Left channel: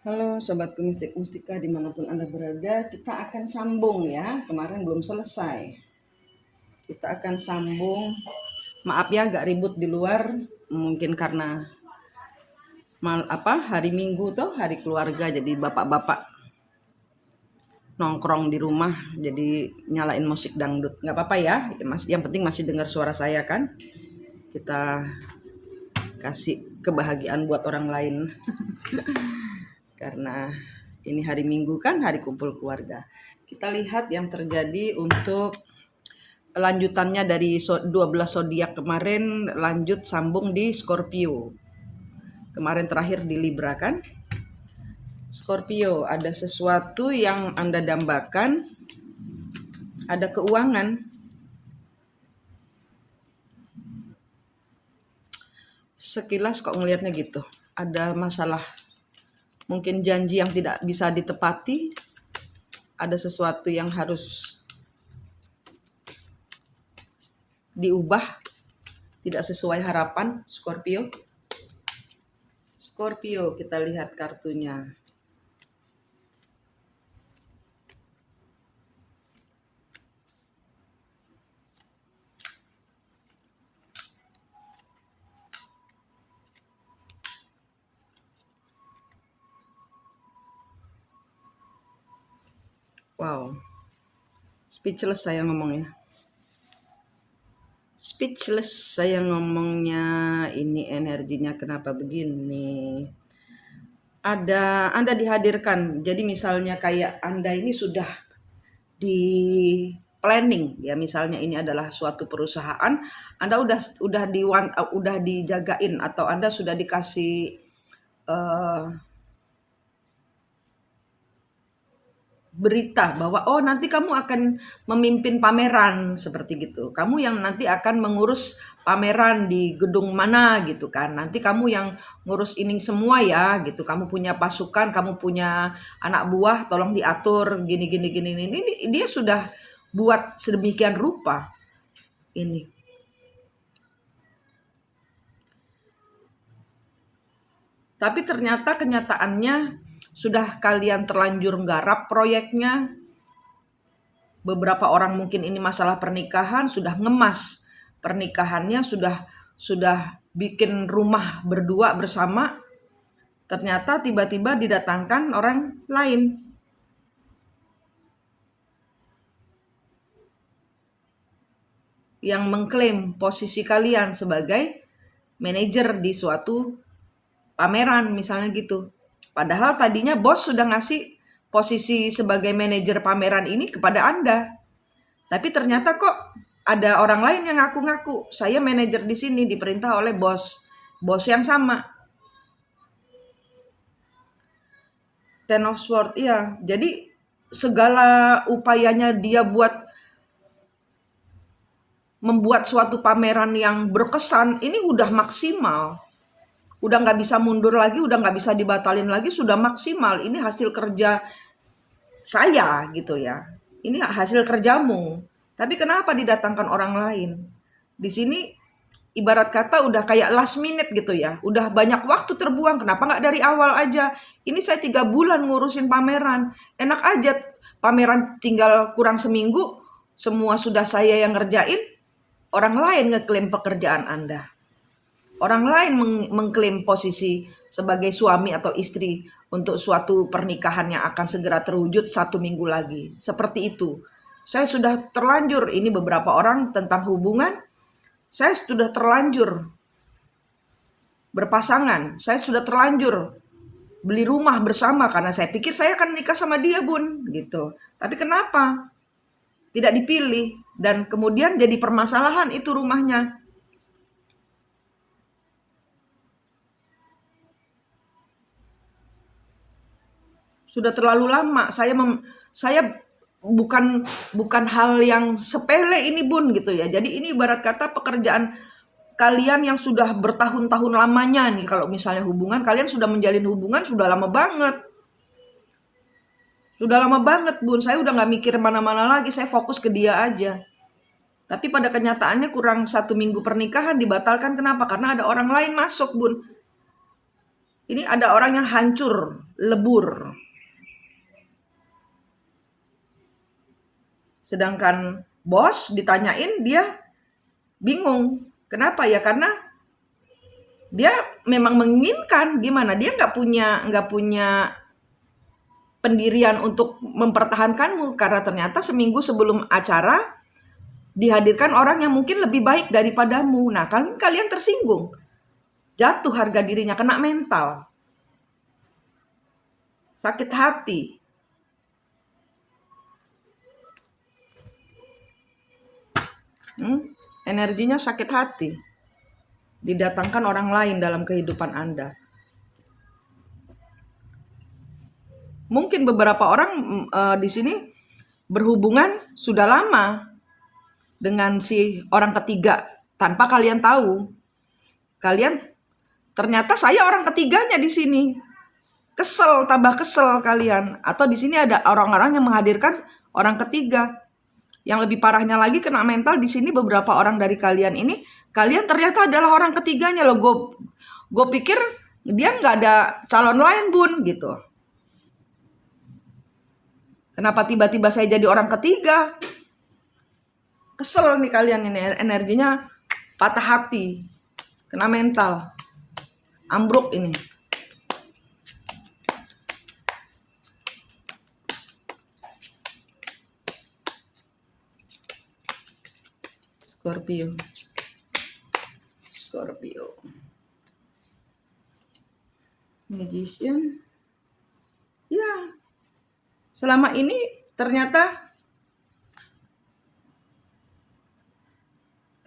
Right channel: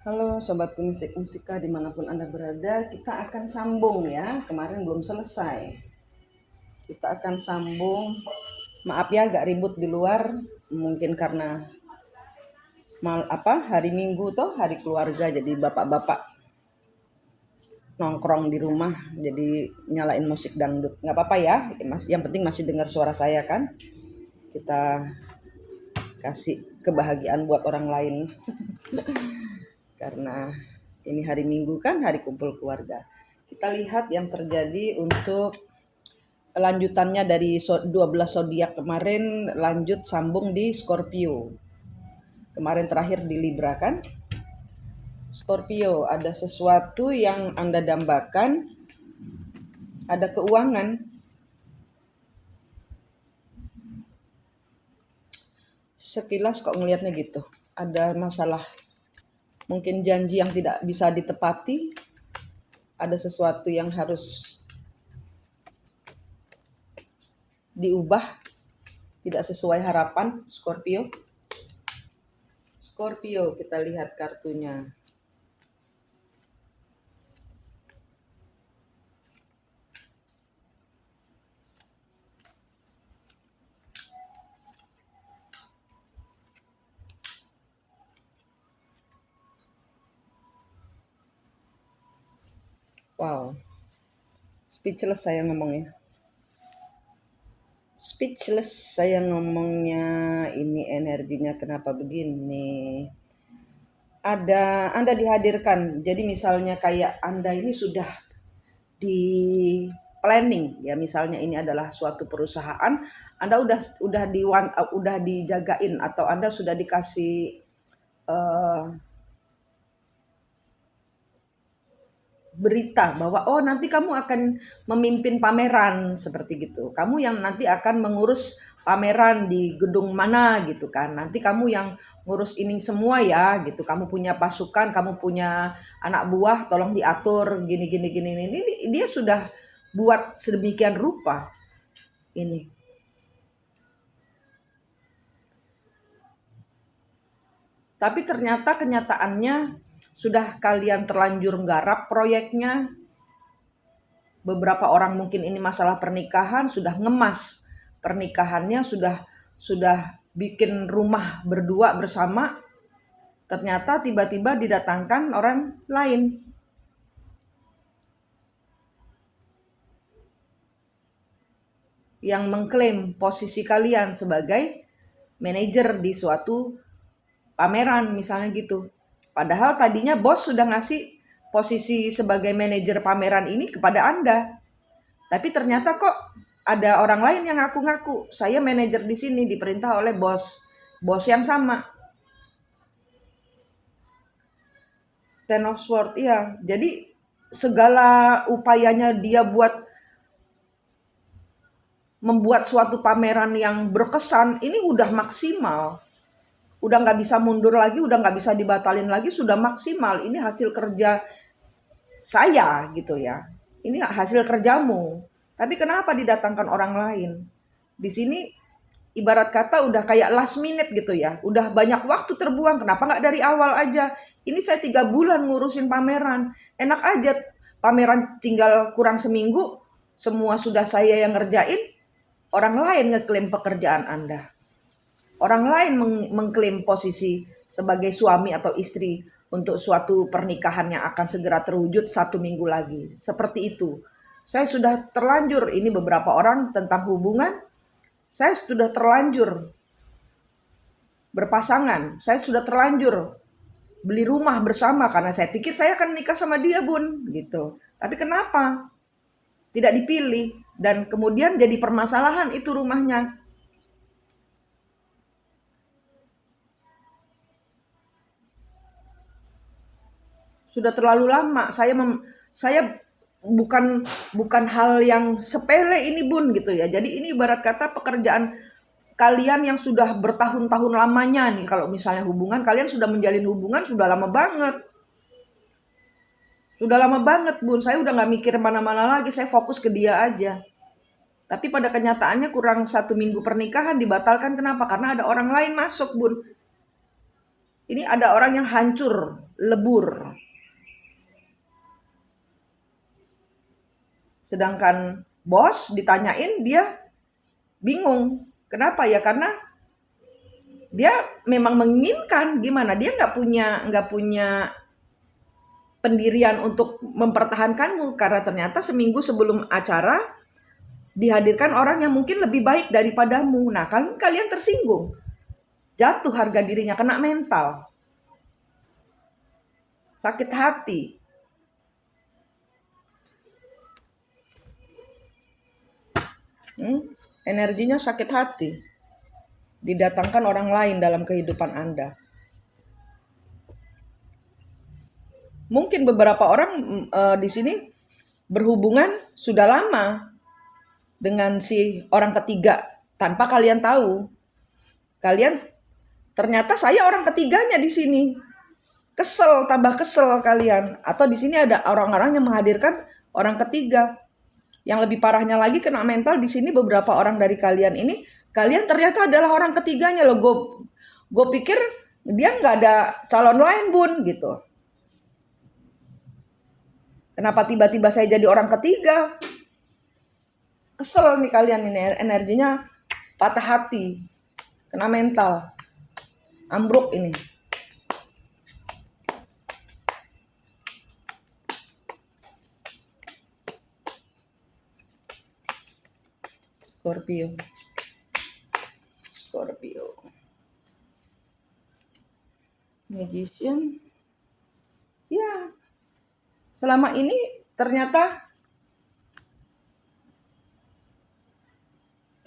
Halo Sobatku Mistik Mustika dimanapun Anda berada, kita akan sambung ya, kemarin belum selesai. Kita akan sambung, maaf ya agak ribut di luar, mungkin karena hari Minggu tuh, hari keluarga, jadi bapak-bapak nongkrong di rumah, jadi nyalain musik dangdut. Nggak apa-apa ya, yang penting masih dengar suara saya kan. Kita kasih kebahagiaan buat orang lain. Karena ini hari Minggu kan, hari kumpul keluarga. Kita lihat yang terjadi untuk lanjutannya dari 12 zodiak kemarin, lanjut sambung di Scorpio. Kemarin terakhir di Libra kan. Scorpio, ada sesuatu yang Anda dambakan, ada keuangan. Sekilas kok ngelihatnya gitu. Ada masalah, mungkin janji yang tidak bisa ditepati, ada sesuatu yang harus diubah, tidak sesuai harapan. Scorpio, kita lihat kartunya. Wow, speechless saya ngomongnya. Speechless saya ngomongnya, ini energinya kenapa begini. Anda dihadirkan, jadi misalnya kayak Anda ini sudah di planning ya, misalnya ini adalah suatu perusahaan, Anda udah dijagain atau Anda sudah dikasih eh, berita bahwa oh nanti kamu akan memimpin pameran seperti gitu. Kamu yang nanti akan mengurus pameran di gedung mana gitu kan. Nanti kamu yang ngurus ini semua ya gitu. Kamu punya pasukan, kamu punya anak buah, tolong diatur gini gini gini ini. Dia sudah buat sedemikian rupa ini. Tapi ternyata kenyataannya sudah kalian terlanjur nggarap proyeknya. Beberapa orang mungkin ini masalah pernikahan, sudah ngemas pernikahannya, sudah bikin rumah berdua bersama, ternyata tiba-tiba didatangkan orang lain yang mengklaim posisi kalian sebagai manajer di suatu pameran misalnya gitu. Padahal tadinya bos sudah ngasih posisi sebagai manajer pameran ini kepada Anda. Tapi ternyata kok ada orang lain yang ngaku-ngaku, saya manajer di sini diperintah oleh bos yang sama. Ten of Swords, iya. Jadi segala upayanya dia buat membuat suatu pameran yang berkesan, ini udah maksimal. Udah nggak bisa mundur lagi, udah nggak bisa dibatalin lagi, sudah maksimal. Ini hasil kerja saya gitu ya. Ini hasil kerjamu. Tapi kenapa didatangkan orang lain? Di sini ibarat kata udah kayak last minute gitu ya. Udah banyak waktu terbuang. Kenapa nggak dari awal aja? Ini saya 3 bulan ngurusin pameran. Enak aja pameran tinggal kurang seminggu. Semua sudah saya yang ngerjain. Orang lain ngeklaim pekerjaan Anda. Orang lain mengklaim posisi sebagai suami atau istri untuk suatu pernikahan yang akan segera terwujud 1 minggu lagi. Seperti itu. Saya sudah terlanjur, ini beberapa orang tentang hubungan, saya sudah terlanjur berpasangan, saya sudah terlanjur beli rumah bersama karena saya pikir saya akan nikah sama dia bun gitu. Tapi kenapa tidak dipilih dan kemudian jadi permasalahan itu rumahnya. Sudah terlalu lama saya bukan hal yang sepele ini bun gitu ya. Jadi ini ibarat kata pekerjaan kalian yang sudah bertahun-tahun lamanya nih. Kalau misalnya hubungan, kalian sudah menjalin hubungan sudah lama banget. Sudah lama banget bun, saya udah gak mikir mana-mana lagi, saya fokus ke dia aja. Tapi pada kenyataannya kurang 1 minggu pernikahan dibatalkan, kenapa? Karena ada orang lain masuk bun. Ini ada orang yang hancur, lebur. Sedangkan bos ditanyain dia bingung. Kenapa ya? Karena dia memang menginginkan, gimana? Dia nggak punya pendirian untuk mempertahankanmu karena ternyata seminggu sebelum acara dihadirkan orang yang mungkin lebih baik daripadamu. Nah, kalian tersinggung. Jatuh harga dirinya, kena mental. Sakit hati. Energinya sakit hati. Didatangkan orang lain dalam kehidupan Anda. Mungkin beberapa orang di sini berhubungan sudah lama dengan si orang ketiga tanpa kalian tahu. Kalian ternyata saya orang ketiganya di sini. Kesel, tambah kesel kalian. Atau di sini ada orang-orang yang menghadirkan orang ketiga. Yang lebih parahnya lagi kena mental di sini beberapa orang dari kalian ini, kalian ternyata adalah orang ketiganya loh. Gue pikir dia nggak ada calon lain bun gitu. Kenapa tiba-tiba saya jadi orang ketiga? Kesel nih kalian ini, energinya patah hati, kena mental, ambruk ini. Scorpio. Magician. Ya. Selama ini ternyata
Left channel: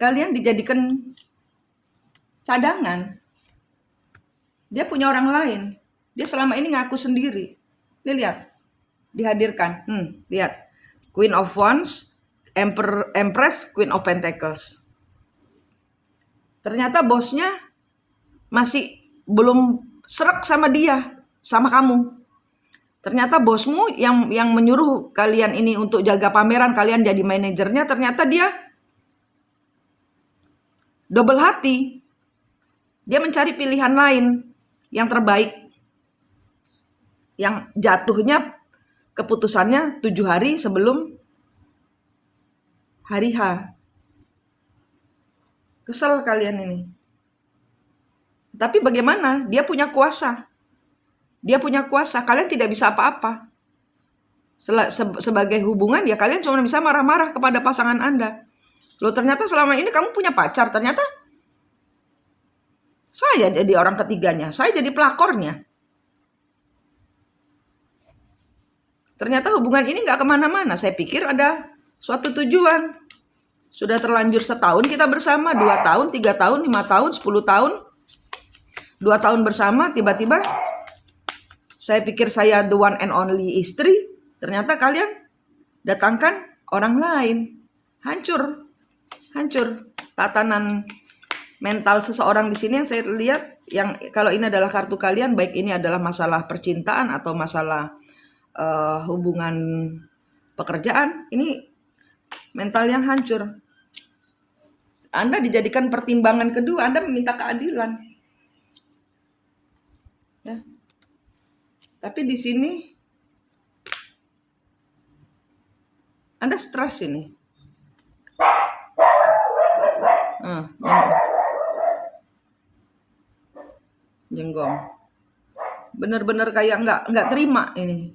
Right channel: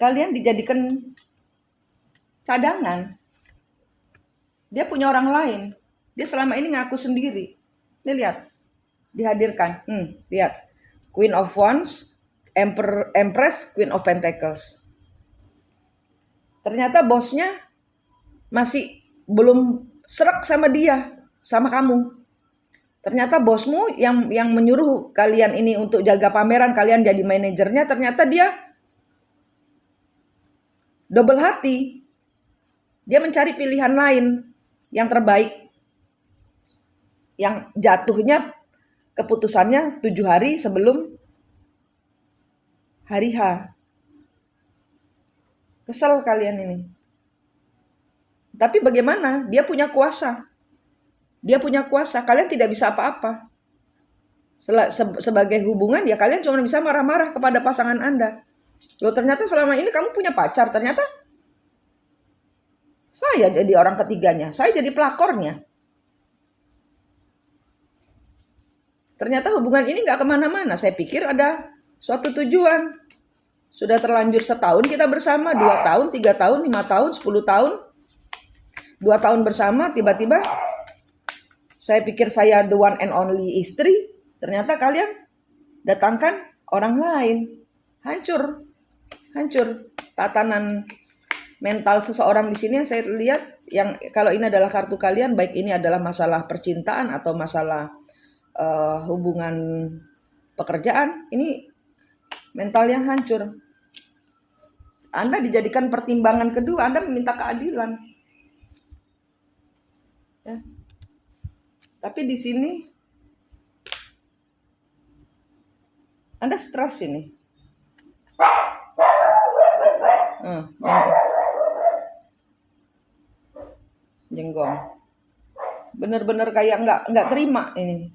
kalian dijadikan cadangan. Dia punya orang lain. Dia selama ini ngaku sendiri. Ini lihat. Dihadirkan. Lihat. Queen of Wands, Empress, Queen of Pentacles. Ternyata bosnya masih belum serak sama dia, sama kamu. Ternyata bosmu yang menyuruh kalian ini untuk jaga pameran, kalian jadi manajernya, ternyata dia double hati. Dia mencari pilihan lain yang terbaik. Yang jatuhnya keputusannya 7 hari sebelum hari H. Kesel kalian ini. Tapi bagaimana? Dia punya kuasa. Dia punya kuasa. Kalian tidak bisa apa-apa. Sebagai hubungan ya kalian cuma bisa marah-marah kepada pasangan Anda. Loh ternyata selama ini kamu punya pacar. Ternyata saya jadi orang ketiganya. Saya jadi pelakornya. Ternyata hubungan ini gak kemana-mana. Saya pikir ada suatu tujuan. Sudah terlanjur setahun kita bersama, 2 tahun, 3 tahun, 5 tahun, 10 tahun. 2 tahun bersama, tiba-tiba saya pikir saya the one and only istri. Ternyata kalian datangkan orang lain. Hancur. Tatanan mental seseorang di sini yang saya lihat, yang kalau ini adalah kartu kalian, baik ini adalah masalah percintaan atau masalah hubungan pekerjaan, ini mental yang hancur. Anda dijadikan pertimbangan kedua, Anda meminta keadilan. Ya. Tapi di sini Anda stres ini. Jenggong. Benar-benar kayak nggak terima ini.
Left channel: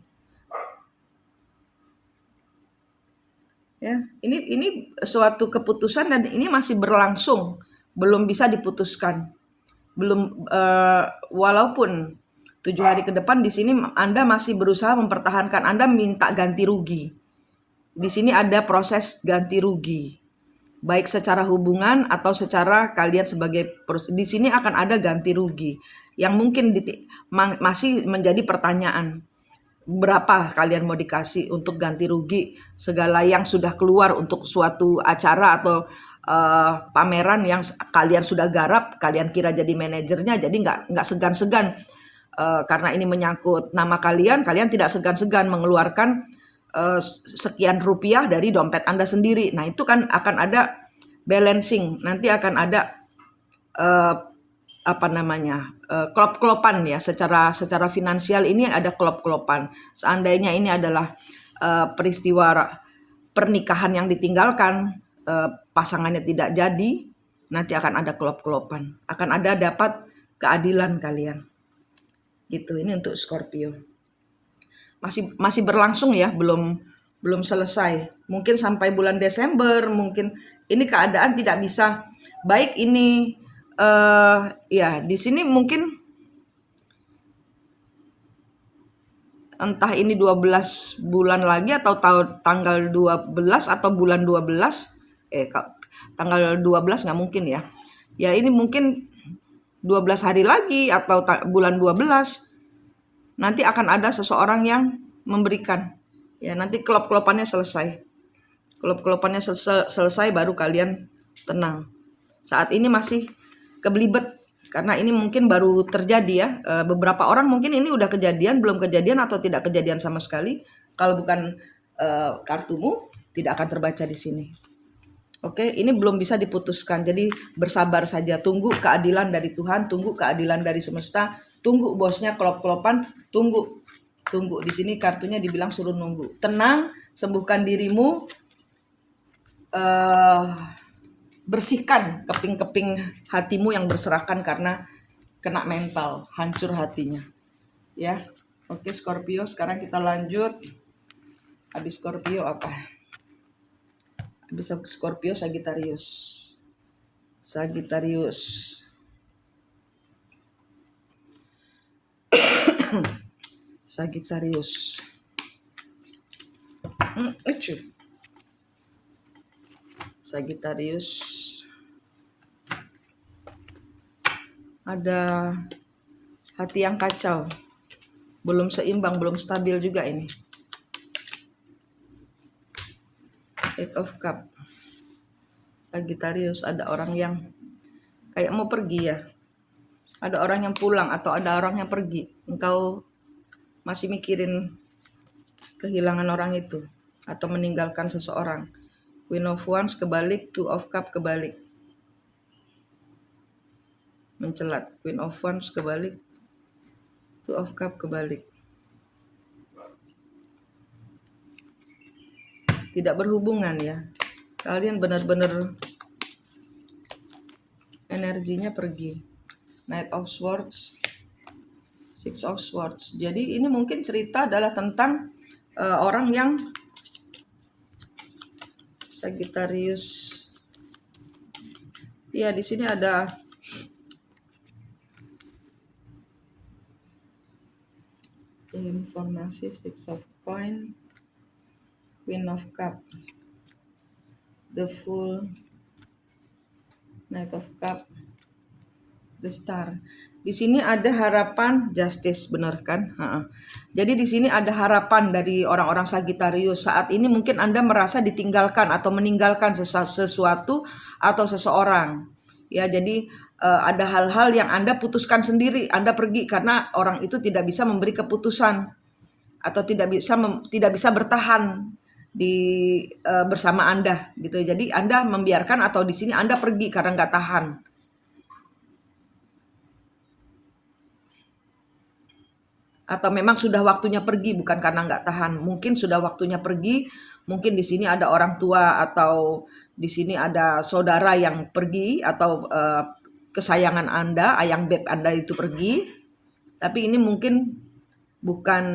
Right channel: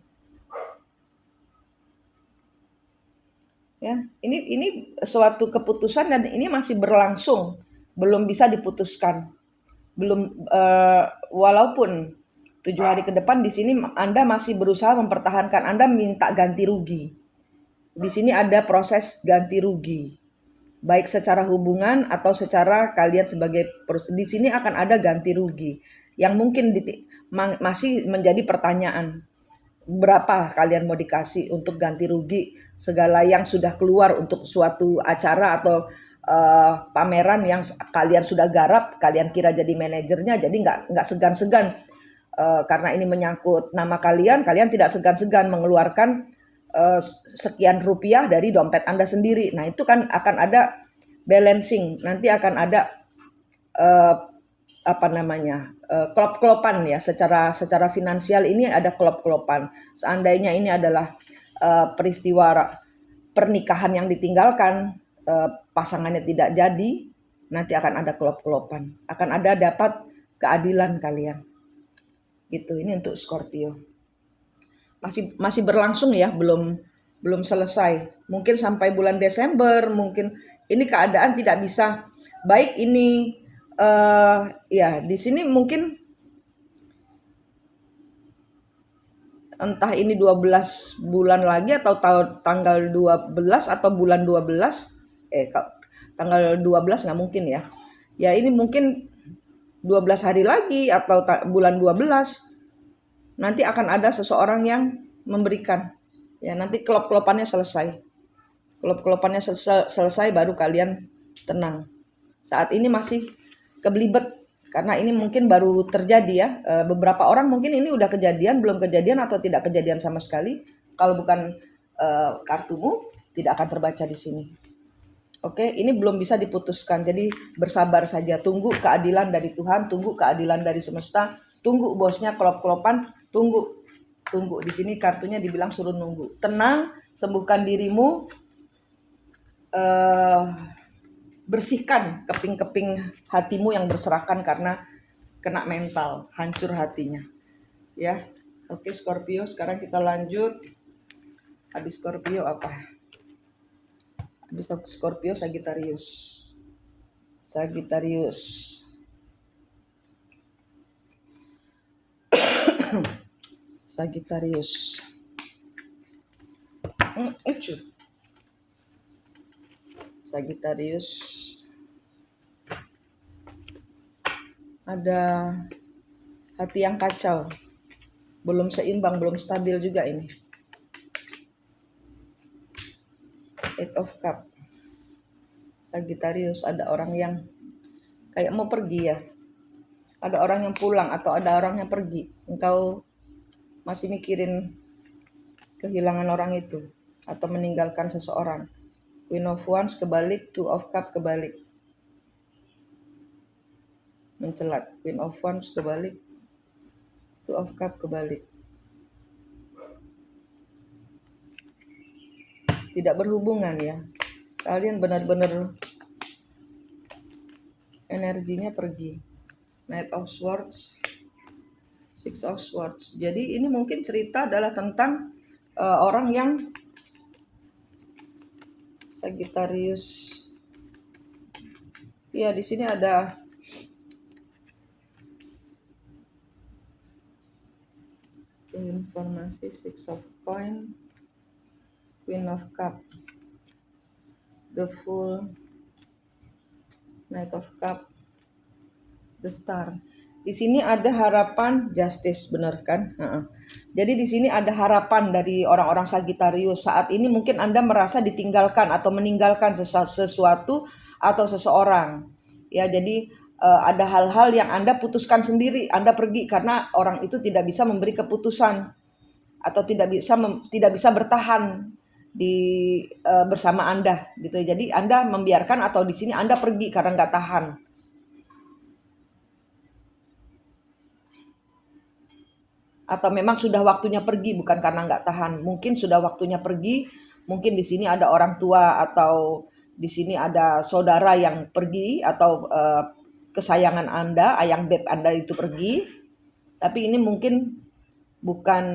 Ya, ini suatu keputusan dan ini masih berlangsung, belum bisa diputuskan. Belum walaupun 7 hari ke depan di sini Anda masih berusaha mempertahankan, Anda minta ganti rugi. Di sini ada proses ganti rugi. Baik secara hubungan atau secara kalian sebagai di sini akan ada ganti rugi yang mungkin masih menjadi pertanyaan. Berapa kalian mau dikasih untuk ganti rugi segala yang sudah keluar untuk suatu acara atau pameran yang kalian sudah garap, kalian kira jadi manajernya, jadi nggak segan-segan karena ini menyangkut nama kalian tidak segan-segan mengeluarkan sekian rupiah dari dompet Anda sendiri. Nah itu kan akan ada balancing, nanti akan ada klop-klopan ya, secara finansial ini ada klop-klopan. Seandainya ini adalah peristiwa pernikahan yang ditinggalkan, pasangannya tidak jadi, nanti akan ada klop-klopan, akan ada dapat keadilan kalian. Gitu, ini untuk Scorpio. Masih berlangsung ya, belum selesai. Mungkin sampai bulan Desember, mungkin ini keadaan tidak bisa baik ini ya di sini mungkin entah ini 12 bulan lagi atau tanggal 12 atau bulan 12 tanggal 12 nggak mungkin ya. Ya ini mungkin 12 hari lagi atau bulan 12 nanti akan ada seseorang yang memberikan. Ya nanti kelop-kelopannya selesai. Kelop-kelopannya selesai baru kalian tenang. Saat ini masih kebelibet karena ini mungkin baru terjadi ya. Beberapa orang mungkin ini udah kejadian, belum kejadian atau tidak kejadian sama sekali. Kalau bukan kartumu tidak akan terbaca di sini. Oke, ini belum bisa diputuskan. Jadi bersabar saja, tunggu keadilan dari Tuhan, tunggu keadilan dari semesta, tunggu bosnya kelop-kelopan, tunggu. Di sini kartunya dibilang suruh nunggu. Tenang, sembuhkan dirimu. Bersihkan keping-keping hatimu yang berserakan karena kena mental, hancur hatinya. Ya. Oke, Scorpio, sekarang kita lanjut. Habis Scorpio apa? Habis Scorpio, Sagittarius. Sagittarius. Sagittarius. Ada hati yang kacau. Belum seimbang, belum stabil juga ini. Eight of Cup. Sagittarius, ada orang yang kayak mau pergi ya. Ada orang yang pulang atau ada orang yang pergi. Engkau masih mikirin kehilangan orang itu atau meninggalkan seseorang. Queen of Wands kebalik, Two of Cup kebalik. Mencelat. Queen of Wands kebalik, Two of Cup kebalik. Tidak berhubungan ya. Kalian benar-benar energinya pergi. Knight of Swords, Six of Swords. Jadi ini mungkin cerita adalah tentang orang yang Sagittarius. Ya, di sini ada informasi Six of Coin, Queen of Cup, The Fool, Knight of Cup, The Star. Di sini ada harapan justice, benar kan? Jadi di sini ada harapan dari orang-orang Sagittarius. Saat ini mungkin Anda merasa ditinggalkan atau meninggalkan sesuatu atau seseorang. Ya, jadi ada hal-hal yang Anda putuskan sendiri. Anda pergi karena orang itu tidak bisa memberi keputusan atau tidak bisa bertahan bersama Anda gitu. Jadi Anda membiarkan atau di sini Anda pergi karena nggak tahan. Atau memang sudah waktunya pergi bukan karena nggak tahan. Mungkin sudah waktunya pergi, mungkin di sini ada orang tua atau di sini ada saudara yang pergi atau kesayangan Anda, ayang beb Anda itu pergi. Tapi ini mungkin bukan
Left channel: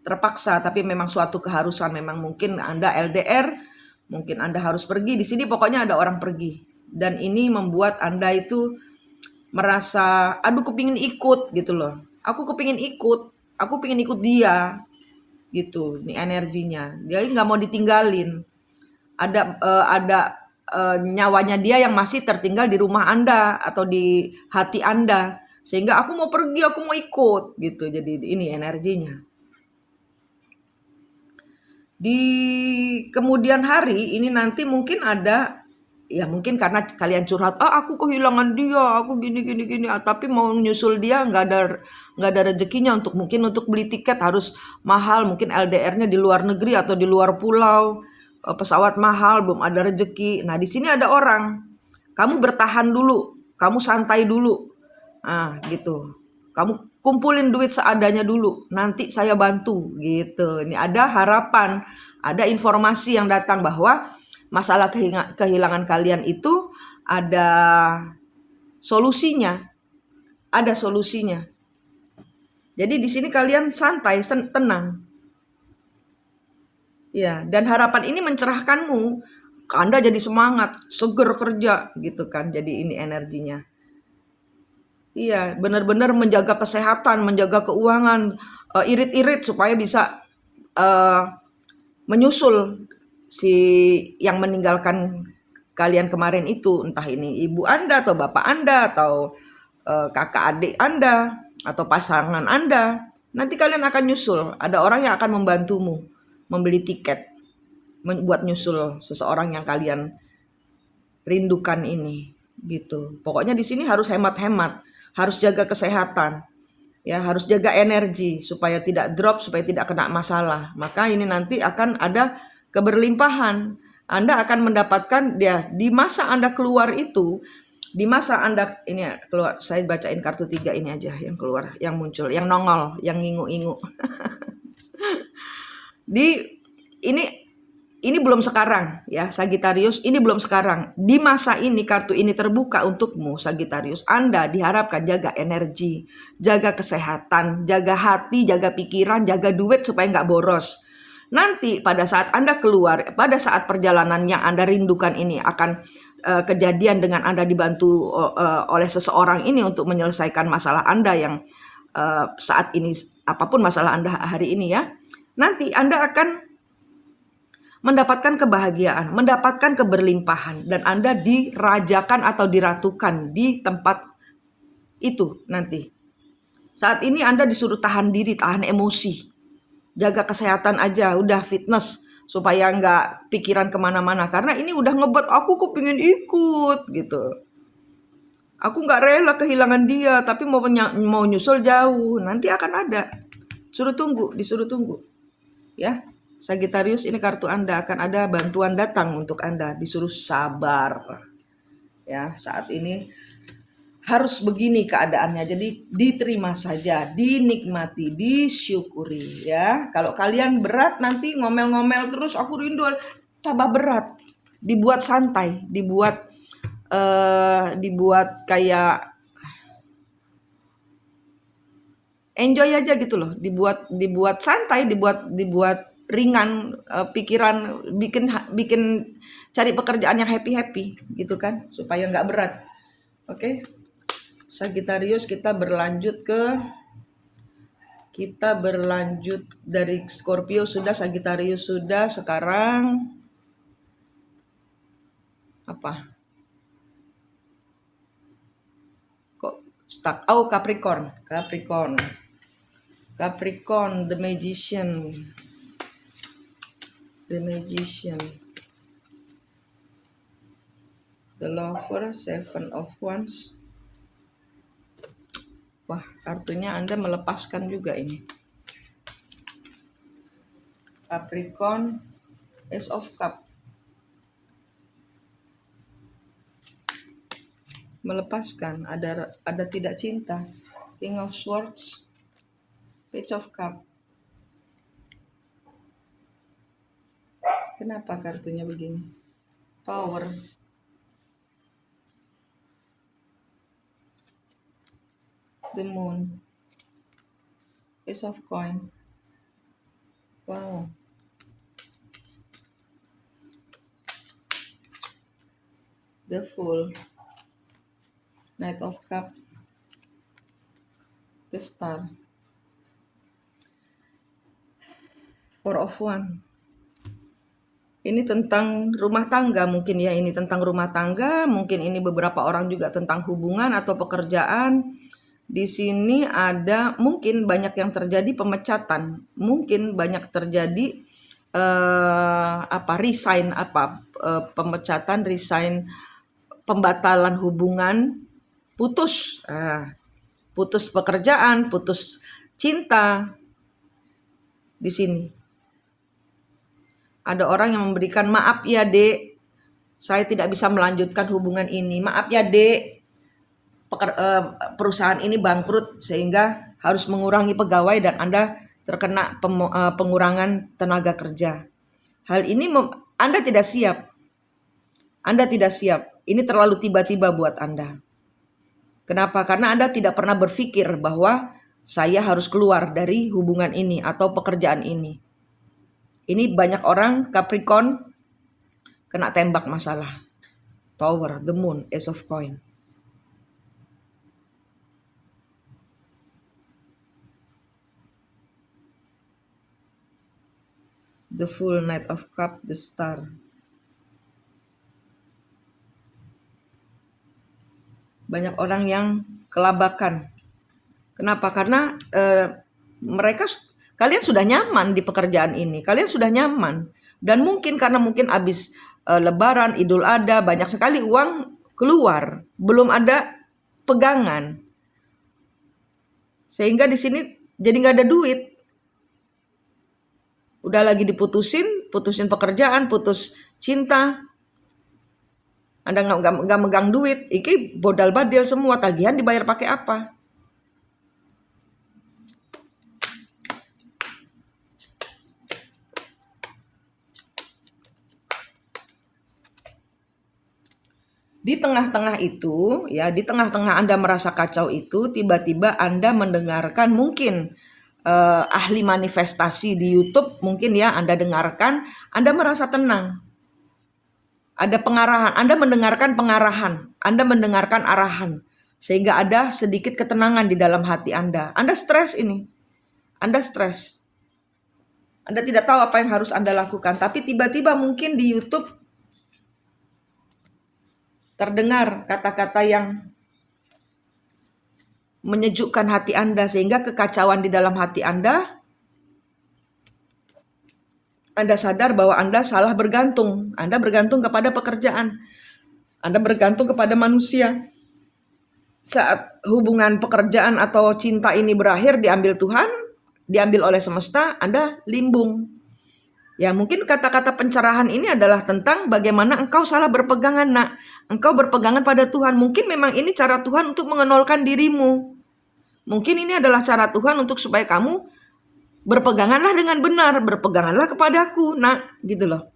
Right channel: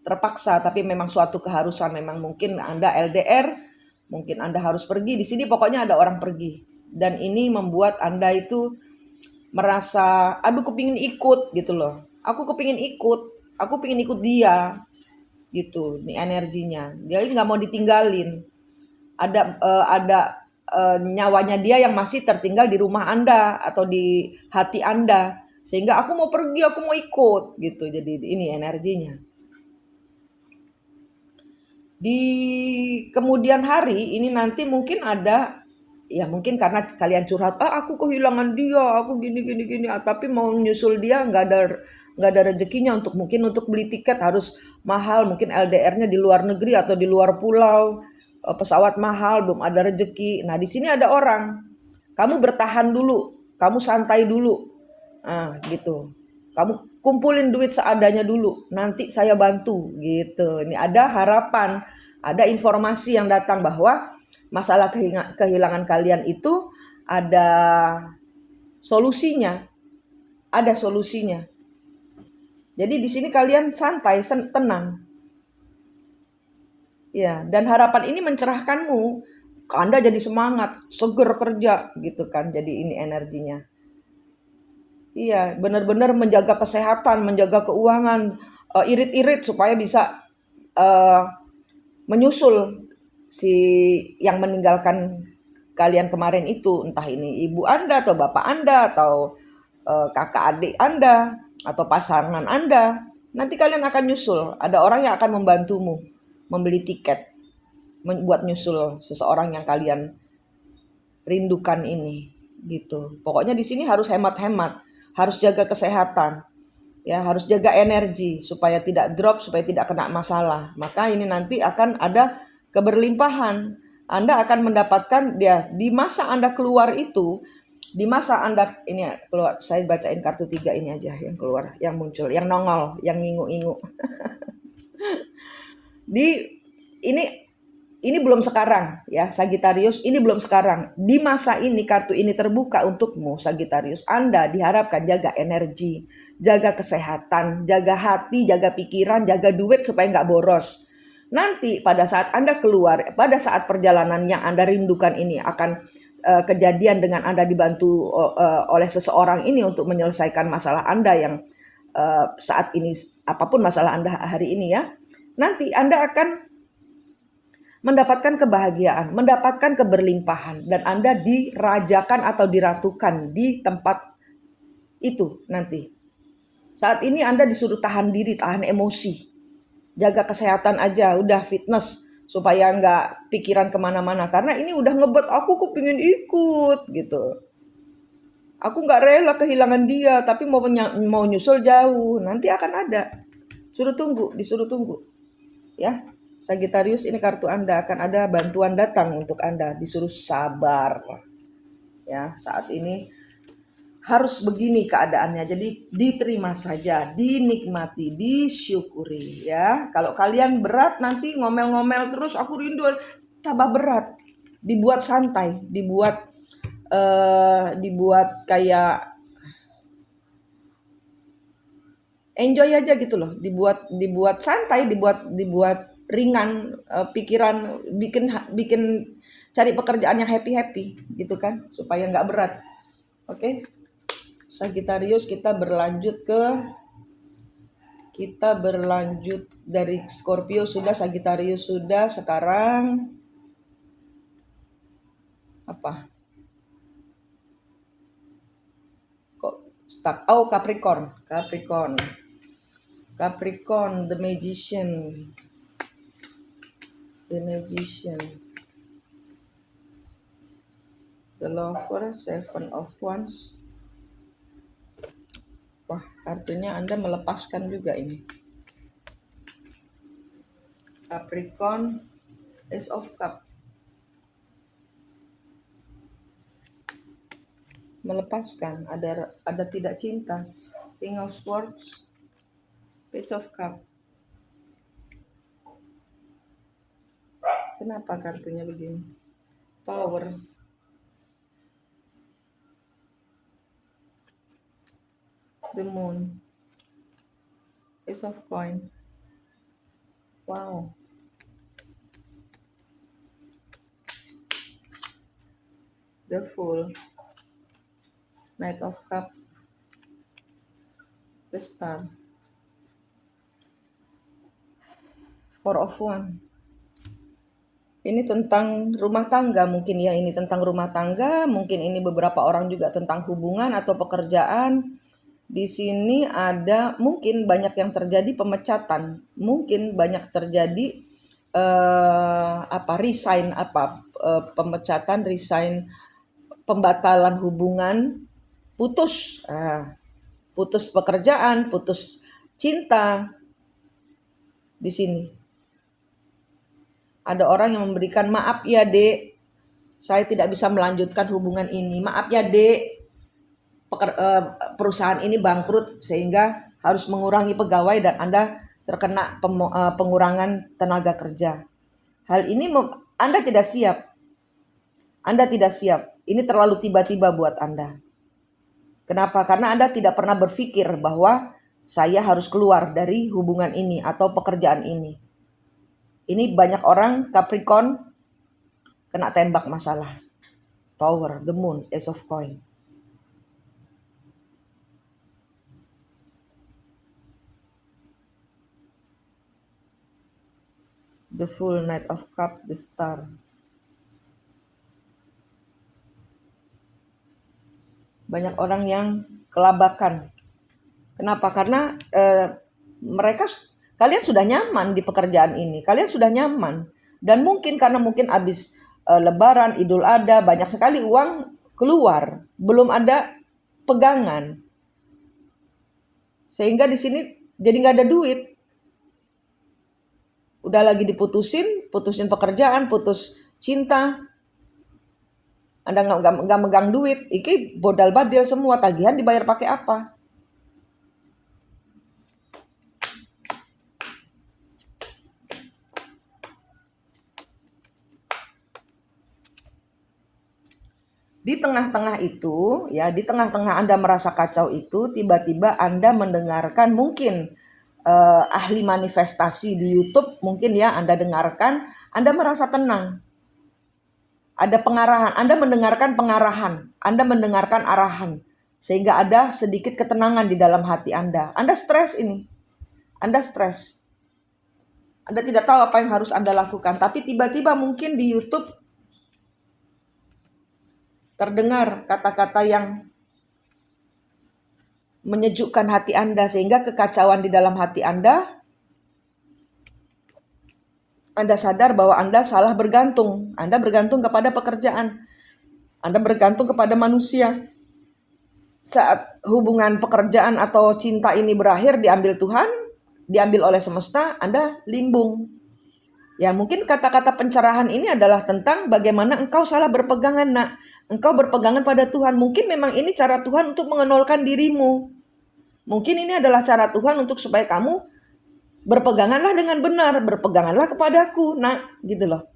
terpaksa, tapi memang suatu keharusan. Memang mungkin Anda LDR, mungkin Anda harus pergi. Di sini pokoknya ada orang pergi. Dan ini membuat Anda itu merasa, aduh kepingin ikut gitu loh. Aku kepingin ikut dia gitu. Ini energinya. Dia nggak mau ditinggalin. Ada nyawanya dia yang masih tertinggal di rumah Anda atau di hati Anda. Sehingga aku mau pergi, aku mau ikut gitu. Jadi ini energinya. Di kemudian hari ini nanti mungkin ada, ya mungkin karena kalian curhat, aku kehilangan dia, aku gini, tapi mau nyusul dia nggak ada rezekinya untuk beli tiket harus mahal, mungkin LDR-nya di luar negeri atau di luar pulau, pesawat mahal, belum ada rezeki. Nah di sini ada orang, kamu bertahan dulu, kamu santai dulu, Gitu. Kamu kumpulin duit seadanya dulu, nanti saya bantu gitu. Ini ada harapan, ada informasi yang datang bahwa masalah kehilangan kalian itu ada solusinya, ada solusinya. Jadi di sini kalian santai, tenang. Ya, dan harapan ini mencerahkanmu. Anda jadi semangat, seger kerja gitu kan. Jadi ini energinya. Iya, benar-benar menjaga kesehatan, menjaga keuangan, irit-irit supaya bisa menyusul si yang meninggalkan kalian kemarin itu, entah ini ibu Anda atau bapak Anda atau kakak adik Anda atau pasangan Anda. Nanti kalian akan nyusul, ada orang yang akan membantumu membeli tiket buat nyusul seseorang yang kalian rindukan ini gitu. Pokoknya di sini harus hemat-hemat, harus jaga kesehatan. Ya, harus jaga energi supaya tidak drop, supaya tidak kena masalah. Maka ini nanti akan ada keberlimpahan. Anda akan mendapatkan di masa Anda keluar itu, di masa Anda ini keluar, saya bacain kartu 3 ini aja yang keluar, yang muncul, yang nongol, yang ngingu-ngingu. Ini belum sekarang ya Sagittarius, ini belum sekarang. Di masa ini kartu ini terbuka untukmu Sagittarius. Anda diharapkan jaga energi, jaga kesehatan, jaga hati, jaga pikiran, jaga duit supaya nggak boros. Nanti pada saat Anda keluar, pada saat perjalanan yang Anda rindukan ini akan kejadian dengan Anda dibantu oleh seseorang ini untuk menyelesaikan masalah Anda yang saat ini, apapun masalah Anda hari ini ya. Nanti Anda akan mendapatkan kebahagiaan, mendapatkan keberlimpahan, dan Anda dirajakan atau diratukan di tempat itu nanti. Saat ini Anda disuruh tahan diri, tahan emosi, jaga kesehatan aja, udah fitness supaya nggak pikiran kemana-mana. Karena ini udah ngebuat aku pengen ikut gitu. Aku nggak rela kehilangan dia, tapi mau nyusul jauh. Nanti akan ada. Disuruh tunggu, ya. Sagittarius, ini kartu Anda, akan ada bantuan datang untuk Anda, disuruh sabar. Ya, saat ini harus begini keadaannya. Jadi diterima saja, dinikmati, disyukuri ya. Kalau kalian berat nanti ngomel-ngomel terus aku rindu, tambah berat. Dibuat santai, dibuat kayak enjoy aja gitu loh. Dibuat santai, dibuat ringan pikiran, bikin cari pekerjaan yang happy gitu kan, supaya nggak berat. Oke. Sagittarius, kita berlanjut dari Scorpio sudah, Sagittarius sudah, sekarang apa? Kok stuck? Oh, Capricorn, the Magician. The Lover, Seven of Wands. Wah, kartunya Anda melepaskan juga ini. Capricorn, Ace of Cup. Melepaskan, ada tidak cinta. King of Swords, Page of Cup. Kenapa kartunya begini? Tower. The Moon. Ace of Coin. Wow. The Fool. Knight of Cup. The Star. Four of Wands. Ini tentang rumah tangga mungkin ya, ini tentang rumah tangga, mungkin ini beberapa orang juga tentang hubungan atau pekerjaan. Di sini ada mungkin banyak yang terjadi pemecatan, mungkin banyak terjadi resign, pemecatan, resign, pembatalan hubungan, putus pekerjaan, putus cinta. Di sini ada orang yang memberikan maaf ya dek, saya tidak bisa melanjutkan hubungan ini, maaf ya dek, perusahaan ini bangkrut sehingga harus mengurangi pegawai dan Anda terkena pengurangan tenaga kerja. Hal ini Anda tidak siap. Anda tidak siap. Ini terlalu tiba-tiba buat Anda. Kenapa? Karena Anda tidak pernah berpikir bahwa saya harus keluar dari hubungan ini atau pekerjaan ini. Ini banyak orang Capricorn kena tembak masalah. Tower, the moon, ace of coin. The full, knight of cup, the star. Banyak orang yang kelabakan. Kenapa? Karena kalian sudah nyaman di pekerjaan ini. Kalian sudah nyaman. Dan karena habis Lebaran, Idul Adha, banyak sekali uang keluar. Belum ada pegangan. Sehingga di sini jadi nggak ada duit. Udah lagi putusin pekerjaan, putus cinta. Anda nggak megang duit, iki bodal badil semua, tagihan dibayar pakai apa? Di tengah-tengah itu, ya di tengah-tengah Anda merasa kacau itu, tiba-tiba Anda mendengarkan mungkin ahli manifestasi di YouTube, mungkin ya Anda dengarkan, Anda merasa tenang. Ada pengarahan, Anda mendengarkan pengarahan, Anda mendengarkan arahan, sehingga ada sedikit ketenangan di dalam hati Anda. Anda stres ini, Anda stres. Anda tidak tahu apa yang harus Anda lakukan, tapi tiba-tiba mungkin di YouTube terdengar kata-kata yang menyejukkan hati Anda, sehingga kekacauan di dalam hati Anda sadar bahwa Anda salah bergantung. Anda bergantung kepada pekerjaan. Anda bergantung kepada manusia. Saat hubungan pekerjaan atau cinta ini berakhir, diambil Tuhan, diambil oleh semesta, Anda limbung. Ya, mungkin kata-kata pencerahan ini adalah tentang bagaimana engkau salah berpegangan, nak. Engkau berpegangan pada Tuhan. Mungkin memang ini cara Tuhan untuk mengenolkan dirimu. Mungkin ini adalah cara Tuhan untuk supaya kamu berpeganganlah dengan benar, berpeganganlah kepadaku, nak, gitu loh.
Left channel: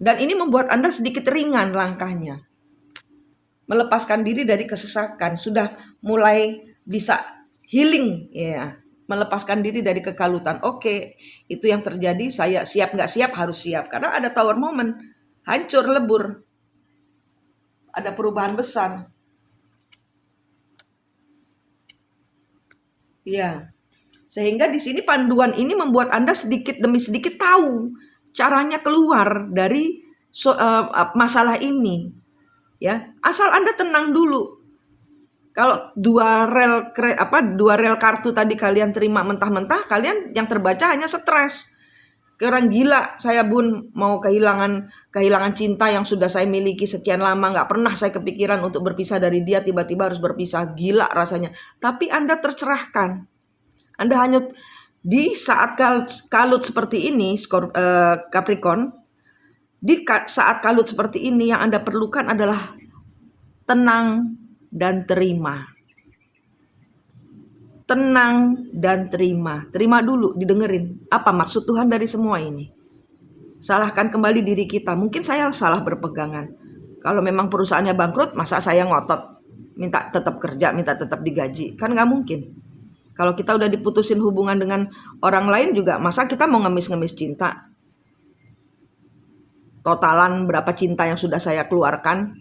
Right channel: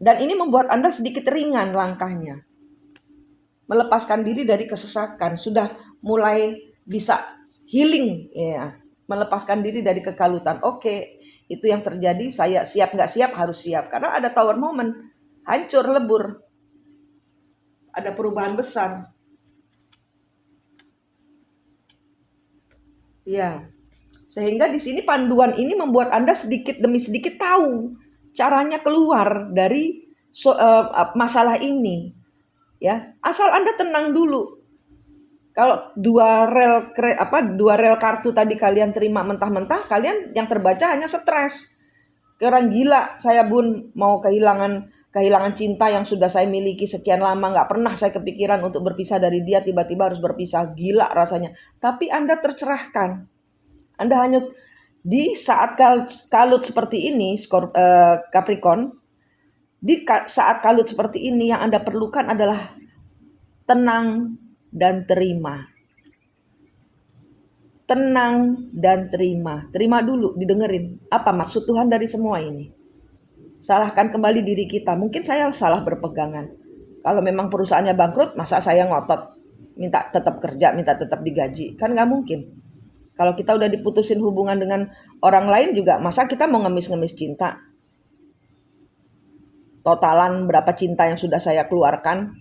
Dan ini membuat Anda sedikit ringan langkahnya. Melepaskan diri dari kesesakan, sudah mulai bisa healing, ya. Melepaskan diri dari kekalutan. Oke, itu yang terjadi, saya siap nggak siap harus siap. Karena ada tower moment, hancur lebur. Ada perubahan besar. Ya. Sehingga di sini panduan ini membuat Anda sedikit demi sedikit tahu caranya keluar dari masalah ini. Ya, asal Anda tenang dulu. Kalau dua rel kartu tadi kalian terima mentah-mentah, kalian yang terbaca hanya stres. Orang gila, saya Bun mau kehilangan cinta yang sudah saya miliki sekian lama, nggak pernah saya kepikiran untuk berpisah dari dia, tiba-tiba harus berpisah, gila rasanya. Tapi Anda tercerahkan. Anda hanya di saat kalut seperti ini, Capricorn, di saat kalut seperti ini yang Anda perlukan adalah tenang dan terima. Tenang dan terima. Terima dulu, didengerin. Apa maksud Tuhan dari semua ini? Salahkan kembali diri kita. Mungkin saya salah berpegangan. Kalau memang perusahaannya bangkrut, masa saya ngotot minta tetap kerja, minta tetap digaji? Kan nggak mungkin. Kalau kita udah diputusin hubungan dengan orang lain juga, masa kita mau ngemis-ngemis cinta? Totalan berapa cinta yang sudah saya keluarkan?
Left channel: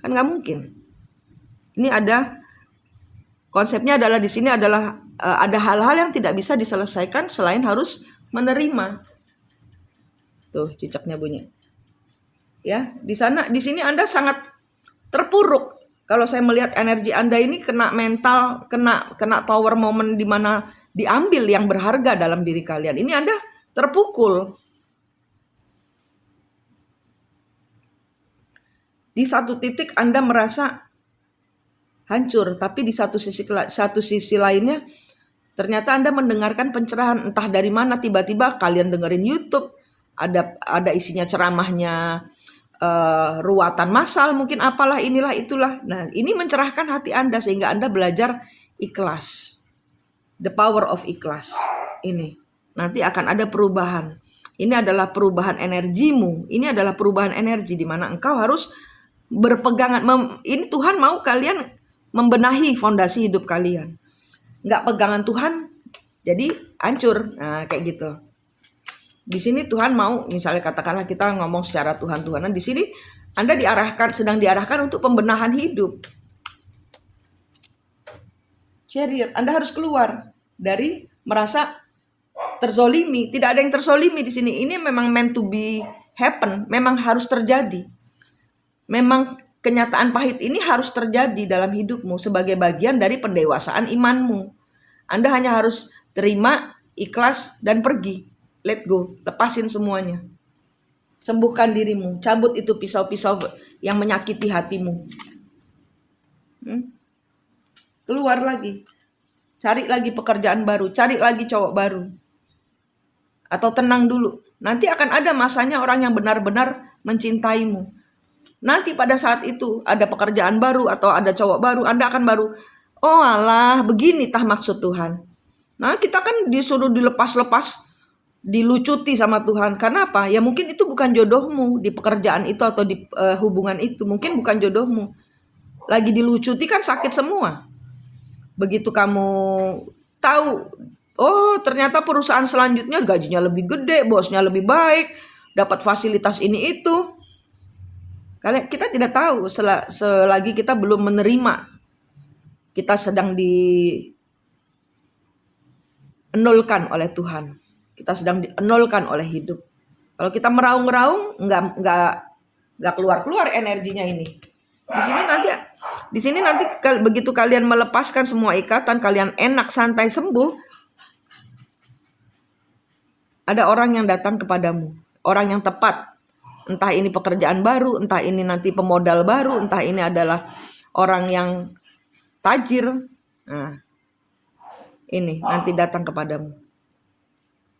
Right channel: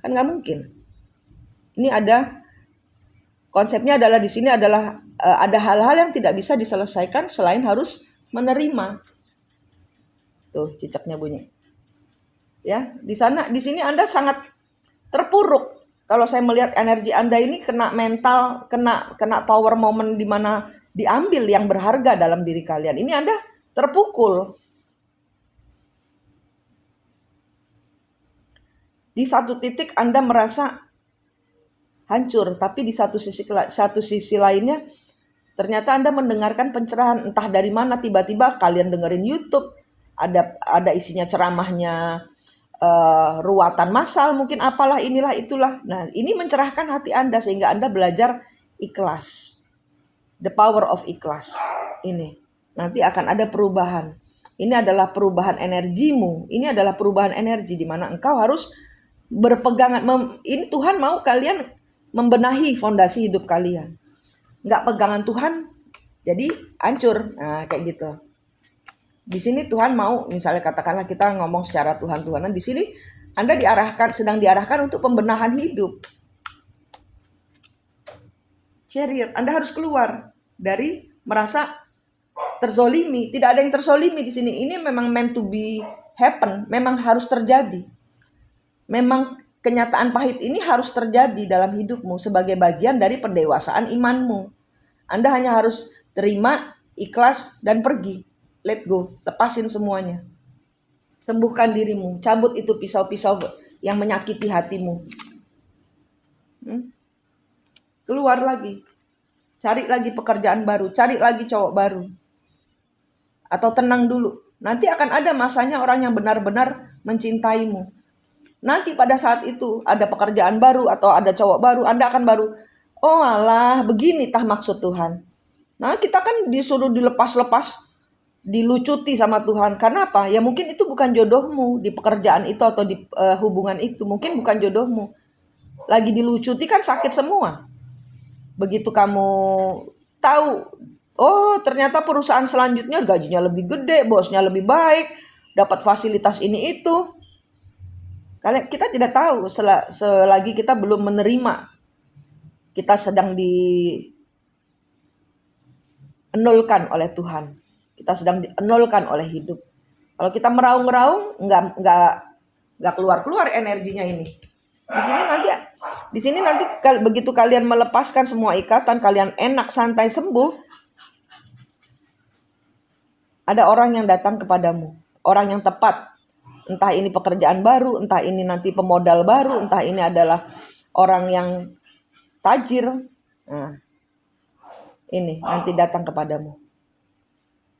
Kan nggak mungkin. Ini ada konsepnya adalah di sini adalah ada hal-hal yang tidak bisa diselesaikan selain harus menerima. Tuh cicaknya bunyi. Ya, di sini Anda sangat terpuruk. Kalau saya melihat energi Anda ini kena mental, kena tower moment di mana diambil yang berharga dalam diri kalian. Ini Anda terpukul. Di satu titik Anda merasa hancur, tapi di satu sisi lainnya ternyata Anda mendengarkan pencerahan entah dari mana, tiba-tiba kalian dengerin YouTube, ada isinya ceramahnya ruatan massal, mungkin apalah inilah itulah. Nah, ini mencerahkan hati Anda sehingga Anda belajar ikhlas. The power of ikhlas. Ini nanti akan ada perubahan. Ini adalah perubahan energimu. Ini adalah perubahan energi di mana engkau harus berpegangan. Ini Tuhan mau kalian membenahi fondasi hidup kalian. Nggak pegangan Tuhan, jadi hancur. Nah, kayak gitu. Di sini Tuhan mau, misalnya katakanlah kita ngomong secara Tuhan-Tuhanan, di sini Anda sedang diarahkan untuk pembenahan hidup. Chariot, Anda harus keluar dari merasa terzolimi. Tidak ada yang terzolimi di sini. Ini memang meant to be happen, memang harus terjadi. Memang kenyataan pahit ini harus terjadi dalam hidupmu sebagai bagian dari pendewasaan imanmu. Anda hanya harus terima, ikhlas, dan pergi. Let go, lepasin semuanya. Sembuhkan dirimu, cabut itu pisau-pisau yang menyakiti hatimu. Keluar lagi, cari lagi pekerjaan baru, cari lagi cowok baru. Atau tenang dulu, nanti akan ada masanya orang yang benar-benar mencintaimu. Nanti pada saat itu ada pekerjaan baru atau ada cowok baru, Anda akan baru, oh alah begini tah maksud Tuhan. Nah kita kan disuruh dilepas-lepas, dilucuti sama Tuhan. Karena apa? Ya mungkin itu bukan jodohmu di pekerjaan itu atau di hubungan itu. Mungkin bukan jodohmu. Lagi dilucuti kan sakit semua. Begitu kamu tahu, oh ternyata perusahaan selanjutnya gajinya lebih gede, bosnya lebih baik, dapat fasilitas ini itu. Kita tidak tahu selagi kita belum menerima. Kita sedang dienolkan oleh Tuhan. Kita sedang dienolkan oleh hidup. Kalau kita meraung-raung, nggak keluar energinya ini. Di sini nanti begitu kalian melepaskan semua ikatan, kalian enak santai sembuh, ada orang yang datang kepadamu, orang yang tepat. Entah ini pekerjaan baru, entah ini nanti pemodal baru, entah ini adalah orang yang tajir. Nah, ini nanti datang kepadamu.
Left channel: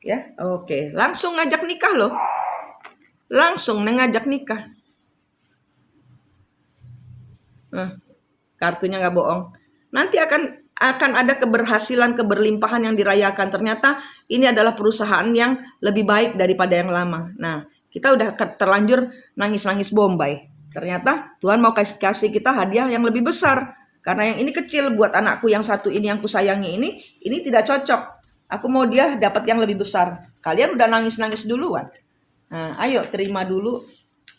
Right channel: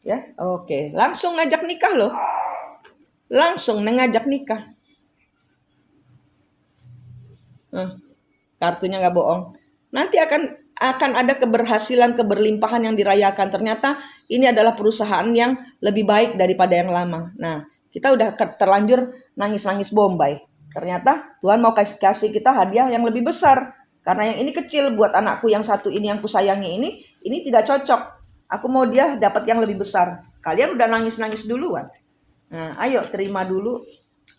Ya, oke. Langsung ngajak nikah loh. Langsung ngajak nikah. Kartunya nggak bohong. Nanti akan ada keberhasilan, keberlimpahan yang dirayakan. Ternyata ini adalah perusahaan yang lebih baik daripada yang lama. Nah, kita udah terlanjur nangis-nangis Bombay. Ternyata Tuhan mau kasih kita hadiah yang lebih besar. Karena yang ini kecil buat anakku yang satu ini yang kusayangi ini tidak cocok. Aku mau dia dapat yang lebih besar. Kalian udah nangis-nangis duluan. Nah, ayo terima dulu,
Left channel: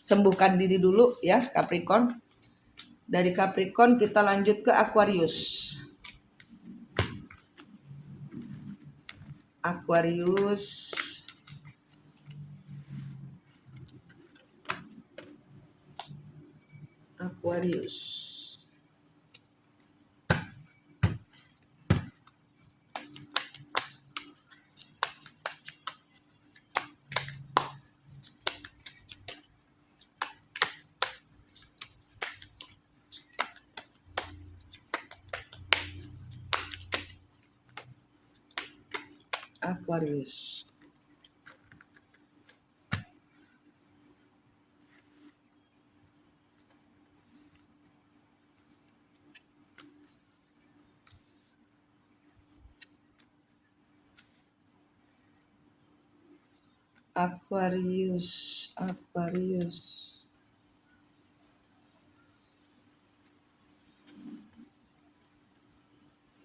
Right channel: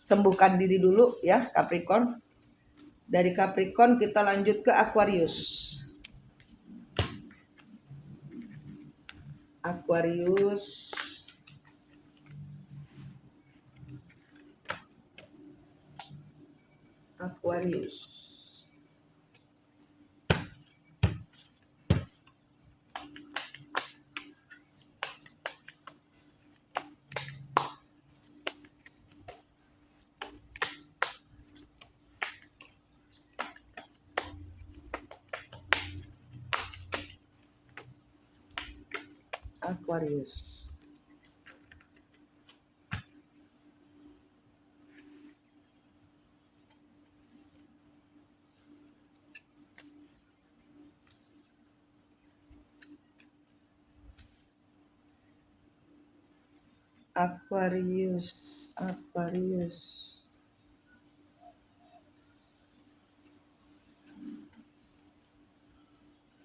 sembuhkan diri dulu ya Capricorn. Dari Capricorn kita lanjut ke Aquarius. Aquarius.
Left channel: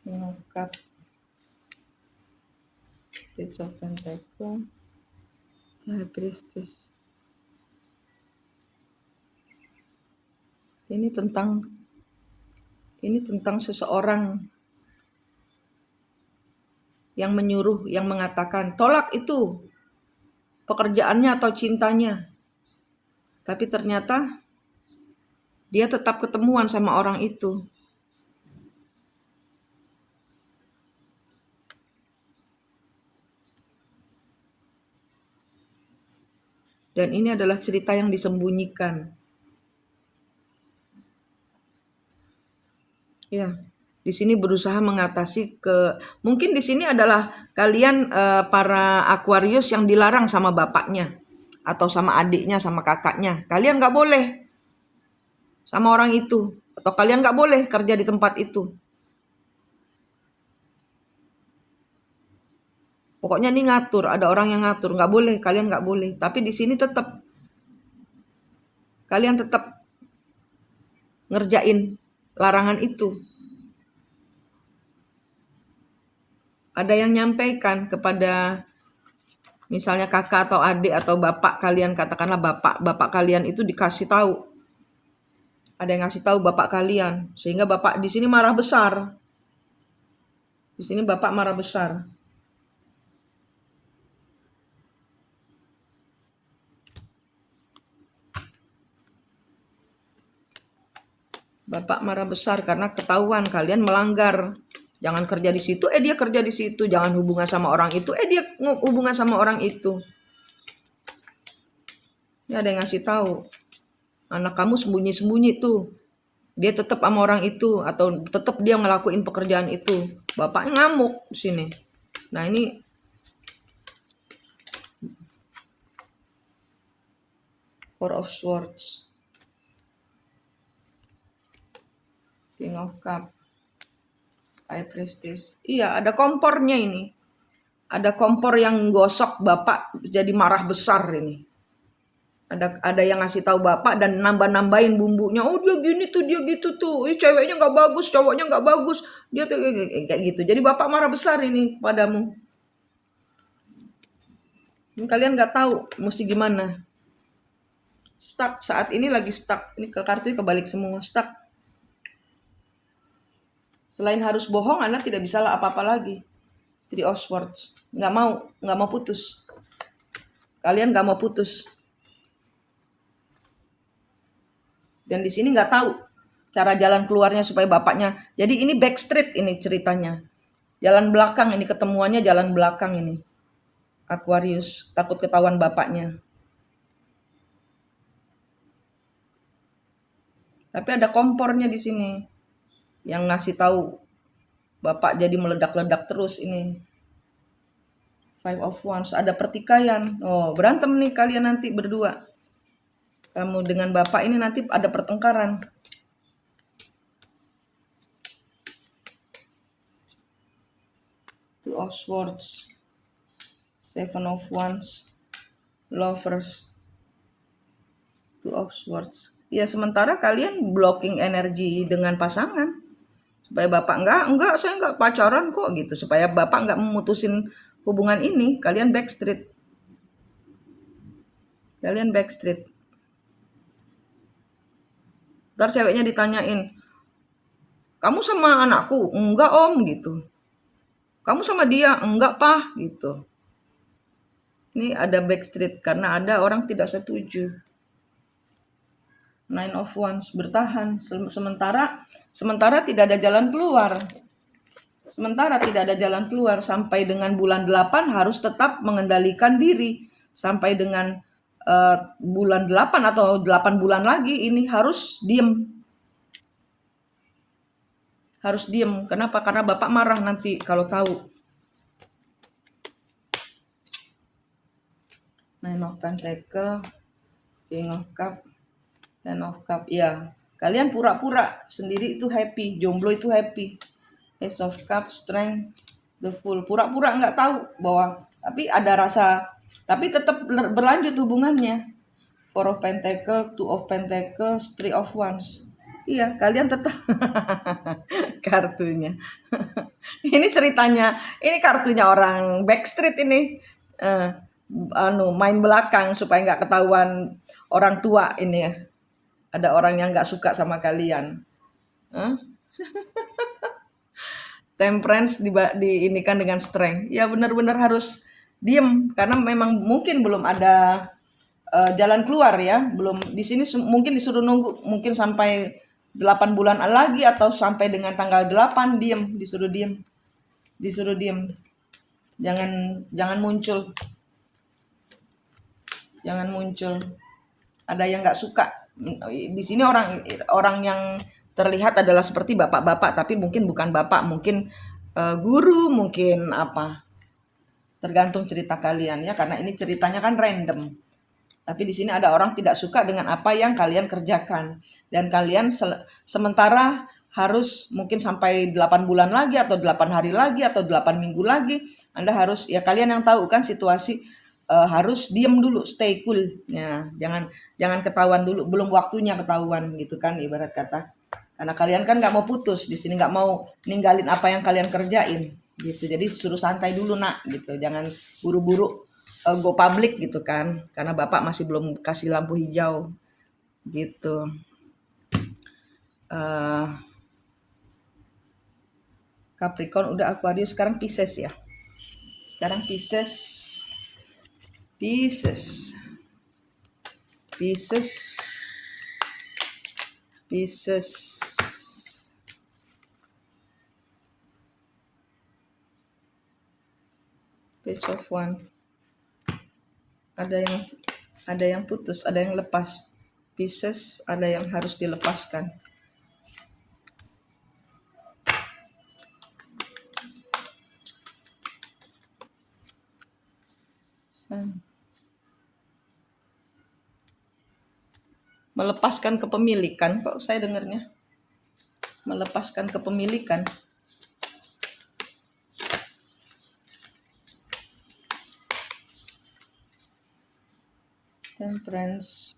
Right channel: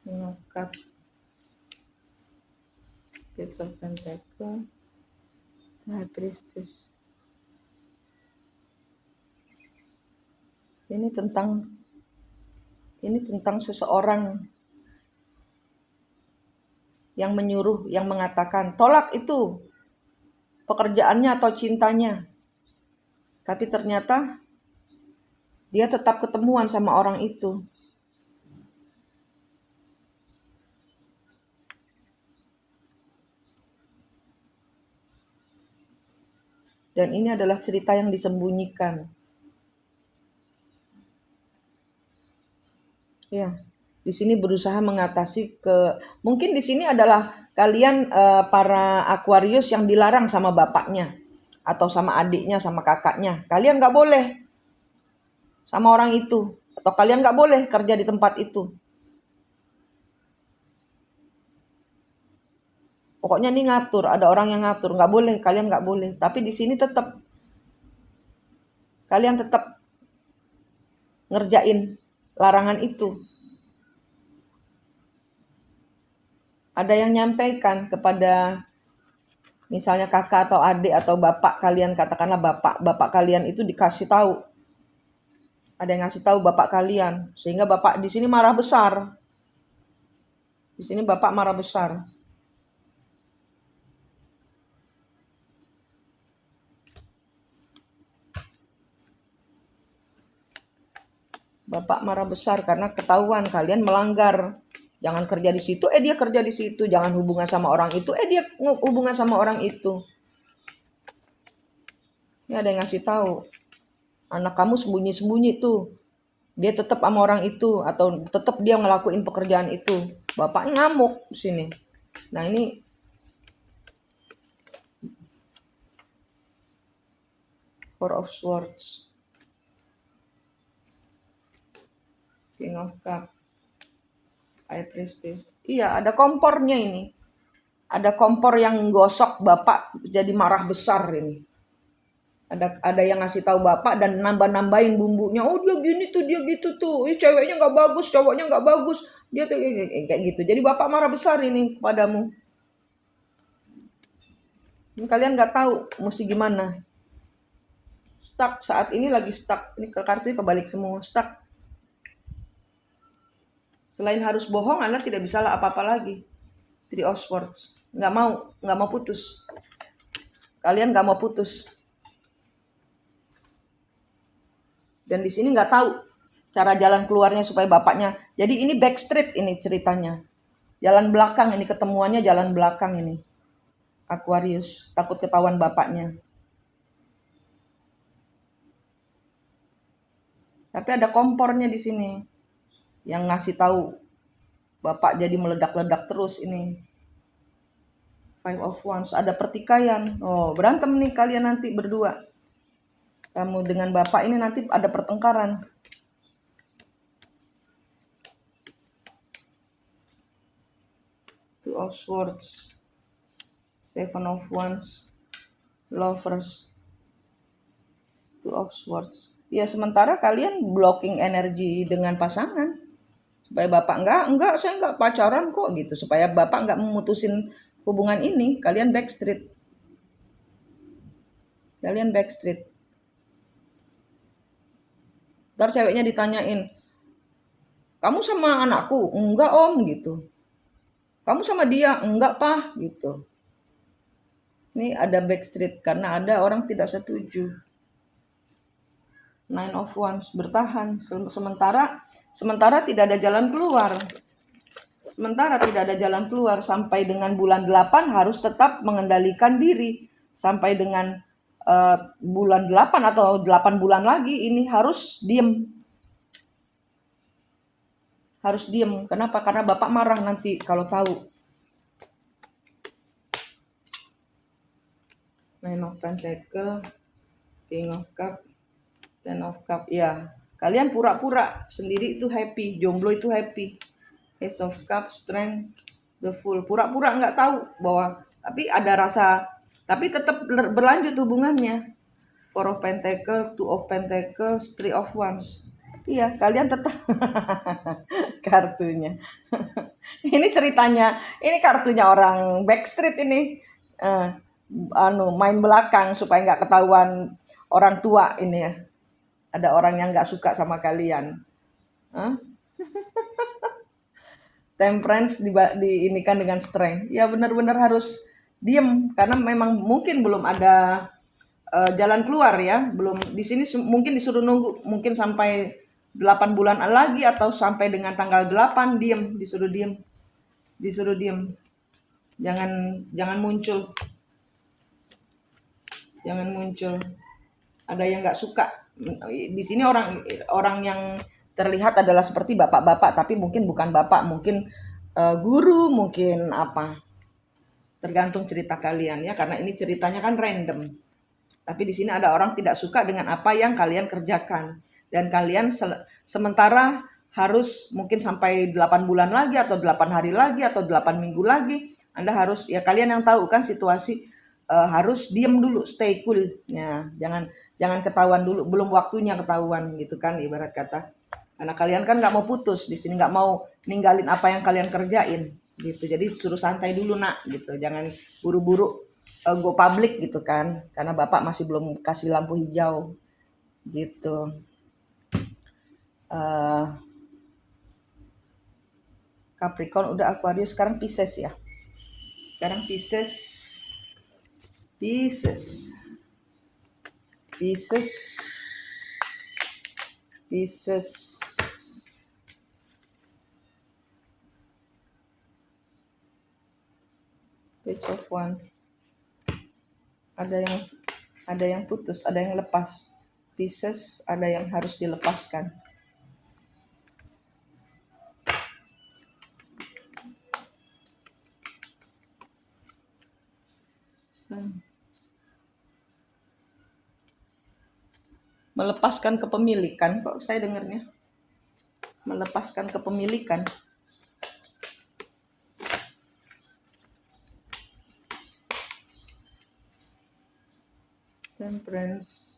Ngangkat Page of Pentacle, High Priestess. Ini tentang seseorang yang menyuruh, yang mengatakan tolak itu pekerjaannya atau cintanya. Tapi ternyata dia tetap ketemuan sama orang itu. Dan ini adalah cerita yang disembunyikan. Ya, di sini berusaha mengatasi mungkin di sini adalah kalian para Aquarius yang dilarang sama bapaknya. atau sama adiknya, sama kakaknya. Kalian nggak boleh sama orang itu, atau kalian nggak boleh kerja di tempat itu. Pokoknya nih ngatur, ada orang yang ngatur, nggak boleh, kalian nggak boleh. Tapi di sini tetap kalian tetap ngerjain larangan itu. Ada yang nyampaikan kepada misalnya kakak atau adik atau bapak kalian, katakanlah bapak kalian itu dikasih tahu. Ada yang ngasih tahu bapak kalian, sehingga bapak di sini marah besar. Di sini bapak marah besar. Bapak marah besar karena ketahuan kalian melanggar. Jangan kerja di situ, dia kerja di situ. Jangan hubungan sama orang itu, dia hubungan sama orang itu. Ini ada yang ngasih tahu. Anak kamu sembunyi-sembunyi tuh. Dia tetap sama orang itu atau tetap dia ngelakuin pekerjaan itu. Bapaknya ngamuk di sini. Nah, ini Four of Swords. King of Cup. High Priestess. Iya, ada kompornya ini. Ada kompor yang gosok, bapak jadi marah besar ini. Ada yang ngasih tahu bapak dan nambah-nambahin bumbunya. Oh, dia gini tuh, dia gitu tuh. Ceweknya nggak bagus, cowoknya nggak bagus. Dia tuh kayak gitu. Jadi bapak marah besar ini padamu. Kalian nggak tahu mesti gimana. Stuck, saat ini lagi stuck. Ini kartunya kebalik semua, stuck. Selain harus bohong, Anda tidak bisa apa-apa lagi. Three of Swords. Nggak mau putus. Kalian nggak mau putus. Dan di sini nggak tahu cara jalan keluarnya supaya bapaknya. Jadi ini backstreet ini ceritanya. Jalan belakang ini, ketemuannya jalan belakang ini. Aquarius, takut ketahuan bapaknya. Tapi ada kompornya di sini yang ngasih tahu bapak jadi meledak-ledak terus ini. Five of Wands, ada pertikaian. Oh, berantem nih kalian nanti berdua. Kamu dengan bapak ini nanti ada pertengkaran. Two of Swords, Seven of Wands, Lovers, Two of Swords. Ya, sementara kalian blocking energi dengan pasangan. Supaya bapak enggak, saya enggak pacaran kok gitu. Supaya bapak enggak memutusin hubungan ini, kalian backstreet. Kalian backstreet. Ntar ceweknya ditanyain, kamu sama anakku? Enggak om gitu. Kamu sama dia? Enggak pak gitu. Ini ada backstreet karena ada orang tidak setuju. Nine of Wands, bertahan. Sementara tidak ada jalan keluar. Sementara tidak ada jalan keluar sampai dengan bulan 8 harus tetap mengendalikan diri. Sampai dengan bulan 8 atau 8 bulan lagi ini harus diem. Harus diem. Kenapa? Karena bapak marah nanti kalau tahu. Nine of Pentacle, King of Cup, Ten of Cup. Ya, kalian pura-pura sendiri itu happy, jomblo itu happy. Ace of Cup, Strength, The Fool. Pura-pura nggak tahu bahwa, tapi ada rasa, tapi tetap berlanjut hubungannya. Four of Pentacle, Two of Pentacles, Three of Wands. Iya, kalian tetap kartunya. Ini ceritanya, ini kartunya orang backstreet ini. Main belakang supaya nggak ketahuan orang tua ini ya. Ada orang yang nggak suka sama kalian. Temperance diinikan dengan strength. Ya benar-benar harus diem karena memang mungkin belum ada jalan keluar ya. Belum di sini mungkin disuruh nunggu mungkin sampai 8 bulan lagi atau sampai dengan tanggal 8 diem, disuruh diem. Disuruh diem. Jangan muncul. Jangan muncul. Ada yang nggak suka. Di sini orang yang terlihat adalah seperti bapak-bapak, tapi mungkin bukan bapak, mungkin guru, mungkin apa. Tergantung cerita kalian ya, karena ini ceritanya kan random. Tapi di sini ada orang tidak suka dengan apa yang kalian kerjakan. Dan kalian sementara harus mungkin sampai 8 bulan lagi atau 8 hari lagi atau 8 minggu lagi. Anda harus, ya kalian yang tahu kan situasi, harus diem dulu, stay cool. Ya, jangan ketahuan dulu, belum waktunya ketahuan gitu kan ibarat kata. Karena kalian kan nggak mau putus di sini, nggak mau ninggalin apa yang kalian kerjain gitu. Jadi suruh santai dulu nak gitu, jangan buru-buru go public gitu kan, karena bapak masih belum kasih lampu hijau gitu. Capricorn udah, Aquarius, sekarang Pisces ya. Sekarang Pisces. Page of Wands. Ada yang putus, ada yang lepas. Pisces ada yang harus dilepaskan. Melepaskan kepemilikan, kok saya dengarnya melepaskan kepemilikan. Temperance.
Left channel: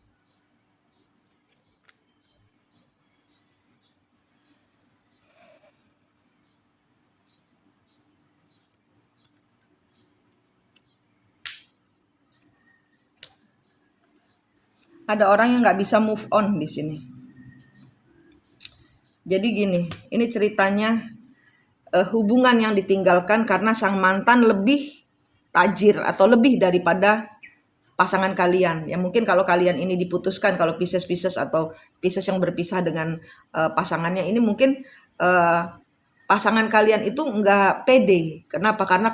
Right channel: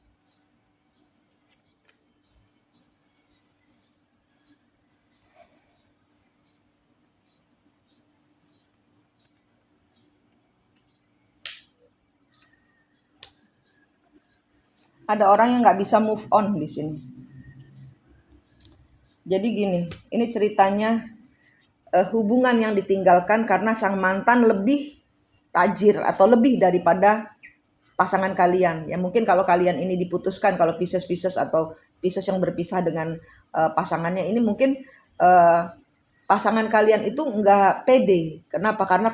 Ada orang yang nggak bisa move on di sini. Jadi gini, ini ceritanya hubungan yang ditinggalkan karena sang mantan lebih tajir atau lebih daripada pasangan kalian. Ya mungkin kalau kalian ini diputuskan, kalau Pisces atau Pisces yang berpisah dengan pasangannya ini mungkin pasangan kalian itu nggak pede. Kenapa? Karena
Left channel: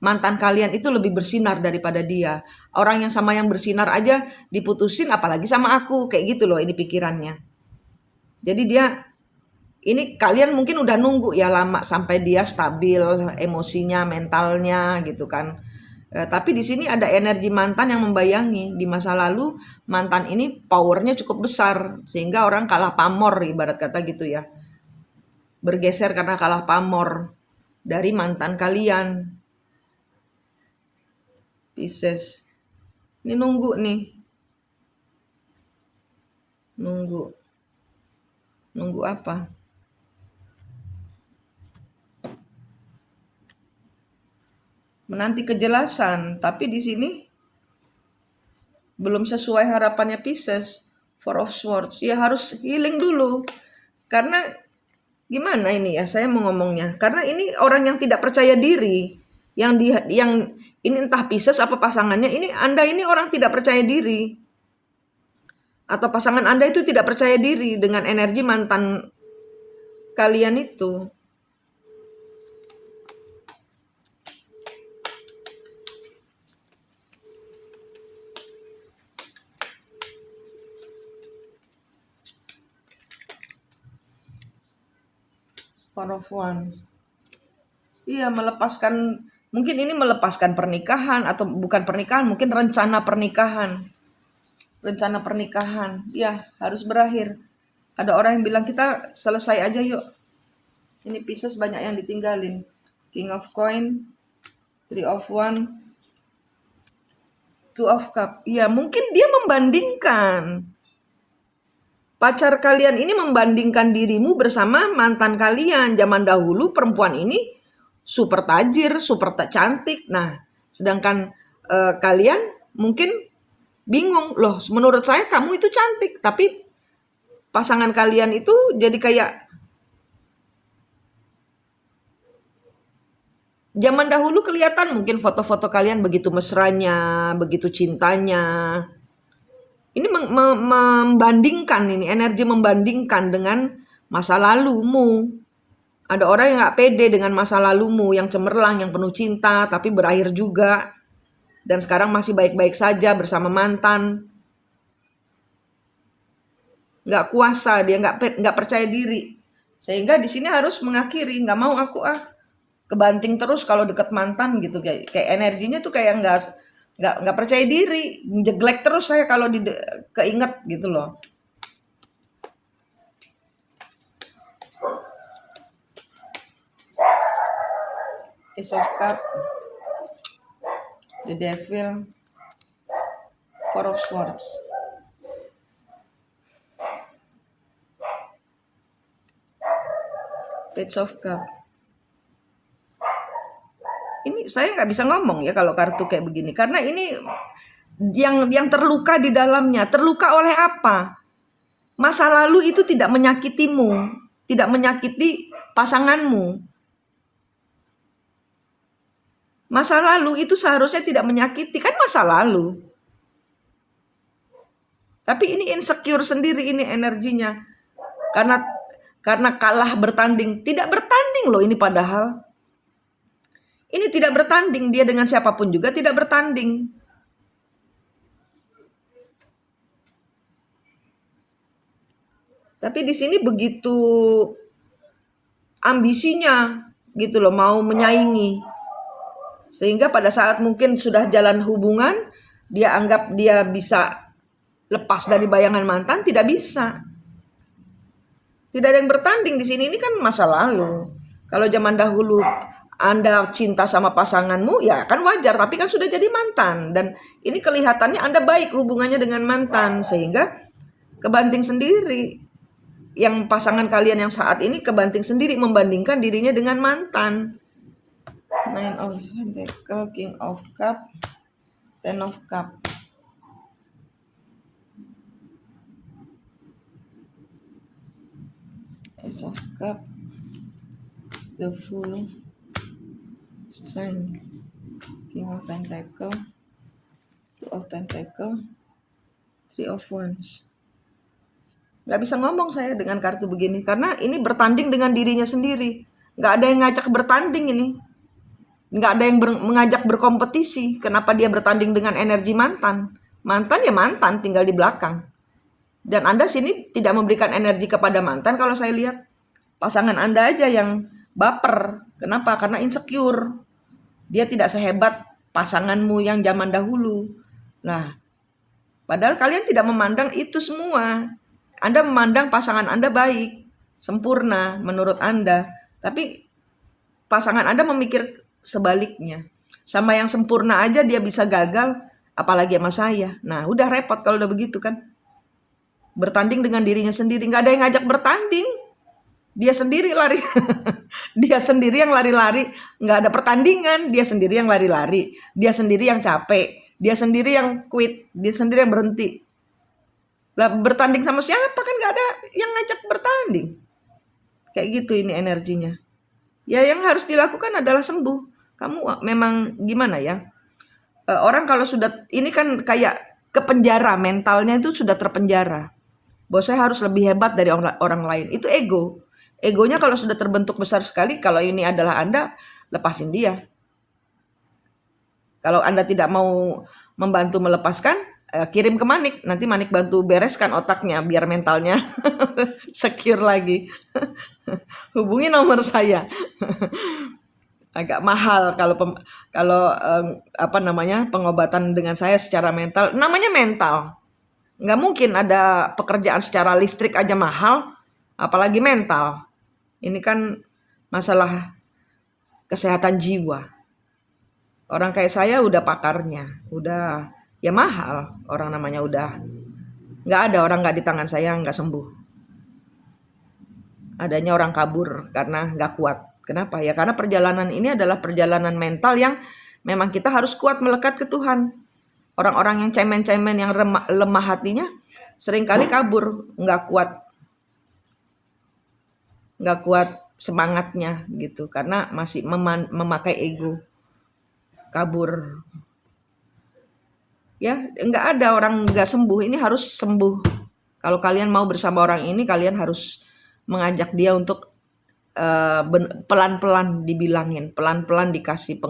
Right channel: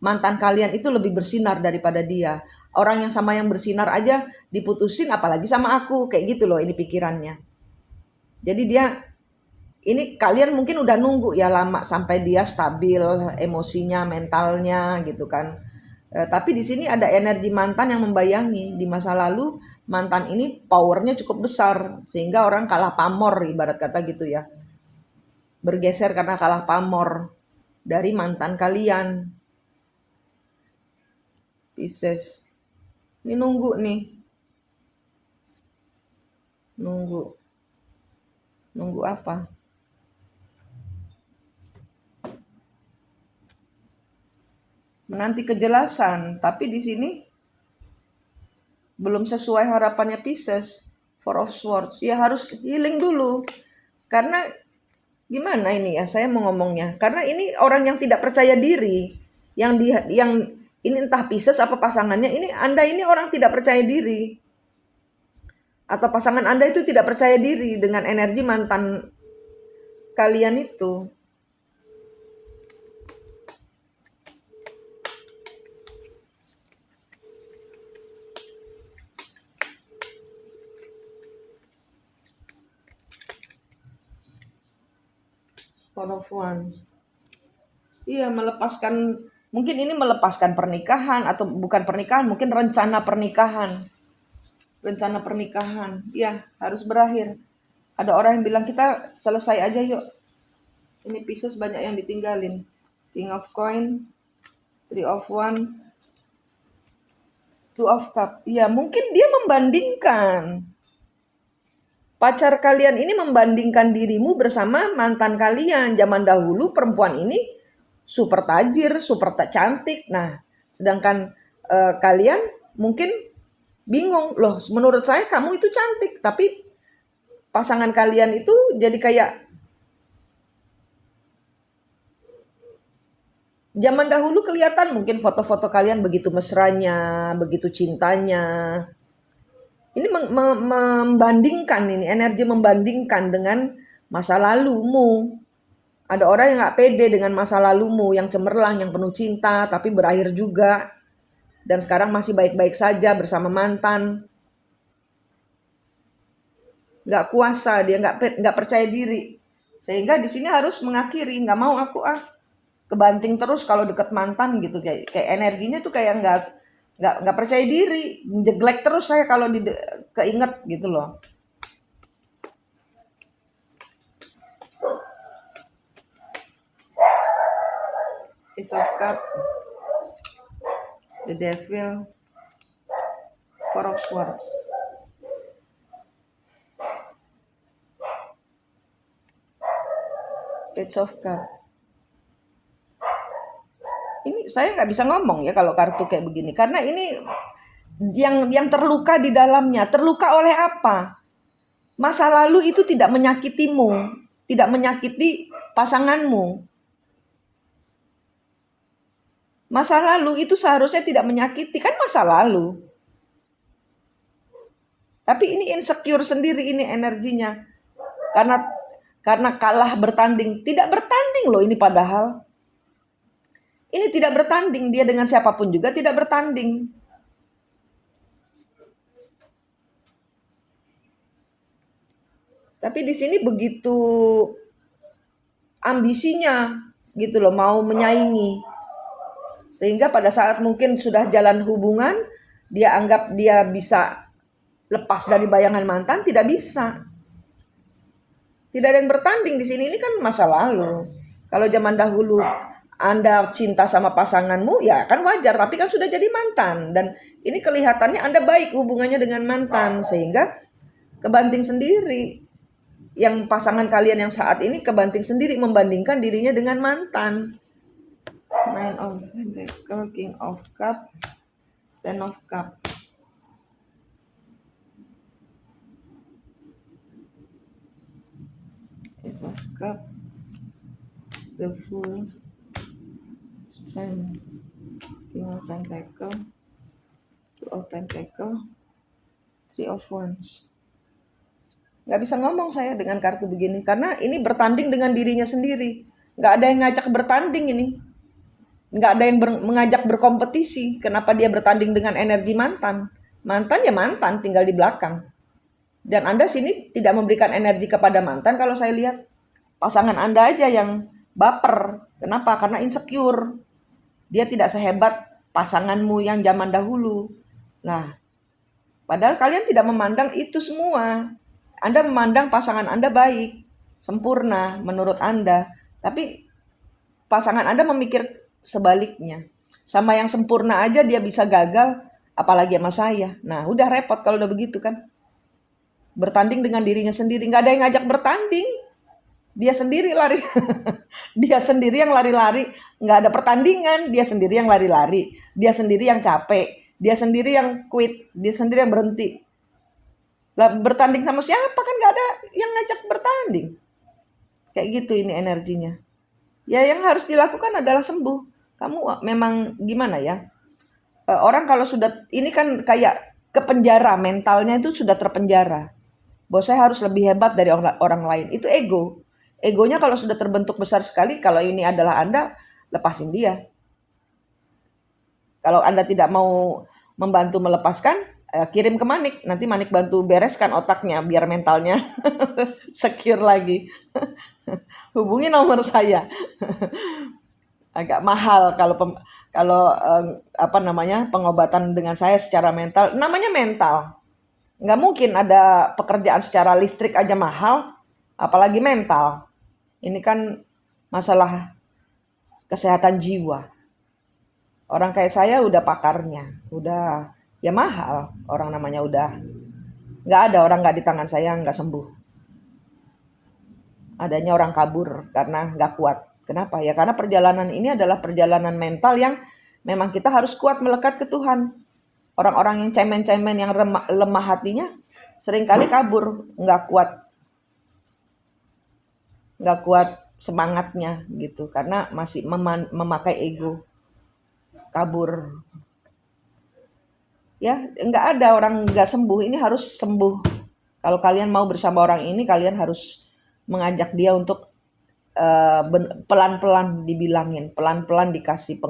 mantan kalian itu lebih bersinar daripada dia. Orang yang sama yang bersinar aja diputusin, apalagi sama aku, kayak gitu loh ini pikirannya. Jadi ini kalian mungkin udah nunggu ya lama sampai dia stabil emosinya, mentalnya gitu kan. Tapi di sini ada energi mantan yang membayangi. Di masa lalu mantan ini powernya cukup besar sehingga orang kalah pamor ibarat kata gitu ya. Bergeser karena kalah pamor dari mantan kalian. Pisces. Ini nunggu nih. Nunggu apa? Menanti kejelasan, tapi di sini belum sesuai harapannya Pisces. Four of Swords. Ya harus healing dulu. Karena gimana ini ya saya mau ngomongnya? Karena ini orang yang tidak percaya diri. Yang ini entah Pisces apa pasangannya, ini Anda ini orang tidak percaya diri. Atau pasangan Anda itu tidak percaya diri dengan energi mantan kalian itu. Four of Wands. Iya, mungkin ini melepaskan pernikahan atau bukan pernikahan, mungkin rencana pernikahan. Ya harus berakhir. Ada orang yang bilang kita selesai aja yuk. Ini Pisces banyak yang ditinggalin. King of Coin, Three of Wands, Two of Cups. Ya mungkin dia membandingkan. Pacar kalian ini membandingkan dirimu bersama mantan kalian. Zaman dahulu perempuan ini super tajir, super cantik. Nah, sedangkan kalian mungkin bingung. Loh, menurut saya kamu itu cantik. Tapi pasangan kalian itu jadi kayak zaman dahulu kelihatan mungkin foto-foto kalian begitu mesranya, begitu cintanya. Ini membandingkan, ini energi membandingkan dengan masa lalumu. Ada orang yang gak pede dengan masa lalumu, yang cemerlang, yang penuh cinta, tapi berakhir juga. Dan sekarang masih baik-baik saja bersama mantan. Gak kuasa, dia gak percaya diri. Sehingga di sini harus mengakhiri, gak mau aku kebanting terus kalau deket mantan gitu. Kayak energinya tuh kayak nggak percaya diri, jeglek terus saya kalau keinget gitu loh. Ace of Cup, the Devil, Four of Swords. Page of Cup. Ini saya nggak bisa ngomong ya kalau kartu kayak begini, karena ini yang terluka di dalamnya. Terluka oleh apa? Masa lalu itu tidak menyakitimu, tidak menyakiti pasanganmu. Masa lalu itu seharusnya tidak menyakiti, kan masa lalu. Tapi ini insecure sendiri, ini energinya. Karena kalah bertanding. Tidak bertanding loh ini padahal. Ini tidak bertanding, dia dengan siapapun juga tidak bertanding. Tapi di sini begitu ambisinya gitu loh, mau menyaingi. Sehingga pada saat mungkin sudah jalan hubungan, dia anggap dia bisa lepas dari bayangan mantan, tidak bisa. Tidak ada yang bertanding di sini, ini kan masa lalu. Kalau zaman dahulu Anda cinta sama pasanganmu, ya kan wajar, tapi kan sudah jadi mantan. Dan ini kelihatannya Anda baik hubungannya dengan mantan, sehingga kebanting sendiri. Yang pasangan kalian yang saat ini kebanting sendiri membandingkan dirinya dengan mantan. Nine of Pentacle, King of Cup, Ten of Cup. Ace of Cup, the Fool, Strength, King of Pentacle, Two of Pentacle, Three of Wands. Nggak bisa ngomong saya dengan kartu begini, karena ini bertanding dengan dirinya sendiri. Nggak ada yang ngajak bertanding ini. Nggak ada yang mengajak berkompetisi. Kenapa dia bertanding dengan energi mantan? Mantan ya mantan, tinggal di belakang. Dan Anda sini tidak memberikan energi kepada mantan. Kalau saya lihat pasangan Anda aja yang baper. Kenapa? Karena insecure. Dia tidak sehebat pasanganmu yang zaman dahulu. Nah, padahal kalian tidak memandang itu semua. Anda memandang pasangan Anda baik, sempurna menurut Anda. Tapi pasangan Anda memikir sebaliknya. Sama yang sempurna aja dia bisa gagal, apalagi sama saya. Nah, udah repot kalau udah begitu kan. Bertanding dengan dirinya sendiri, nggak ada yang ngajak bertanding. Dia sendiri lari. Dia sendiri yang lari-lari, nggak ada pertandingan. Dia sendiri yang lari-lari, dia sendiri yang capek, dia sendiri yang quit, dia sendiri yang berhenti. Lah bertanding sama siapa, kan nggak ada yang ngajak bertanding. Kayak gitu ini energinya. Ya yang harus dilakukan adalah sembuh. Kamu memang gimana ya? Orang kalau sudah ini kan kayak ke penjara, mentalnya itu sudah terpenjara. Bahwa saya harus lebih hebat dari orang lain. Itu ego. Egonya kalau sudah terbentuk besar sekali, kalau ini adalah Anda, lepasin dia. Kalau Anda tidak mau membantu melepaskan, kirim ke Manik. Nanti Manik bantu bereskan otaknya biar mentalnya secure lagi. Hubungi nomor saya. Agak mahal kalau pengobatan dengan saya secara mental. Namanya mental. Nggak mungkin ada pekerjaan secara listrik aja mahal, apalagi mental. Ini kan masalah kesehatan jiwa. Orang kayak saya udah pakarnya, udah ya mahal. Orang namanya udah nggak ada orang nggak di tangan saya nggak sembuh. Adanya orang kabur karena nggak kuat. Kenapa? Ya karena perjalanan ini adalah perjalanan mental yang memang kita harus kuat melekat ke Tuhan. Orang-orang yang cemen-cemen, yang lemah hatinya, seringkali kabur, nggak kuat semangatnya gitu, karena masih memakai ego, kabur. Ya, nggak ada orang nggak sembuh. Ini harus sembuh. Kalau kalian mau bersama orang ini, kalian harus mengajak dia untuk pelan-pelan dibilangin, pelan-pelan dikasih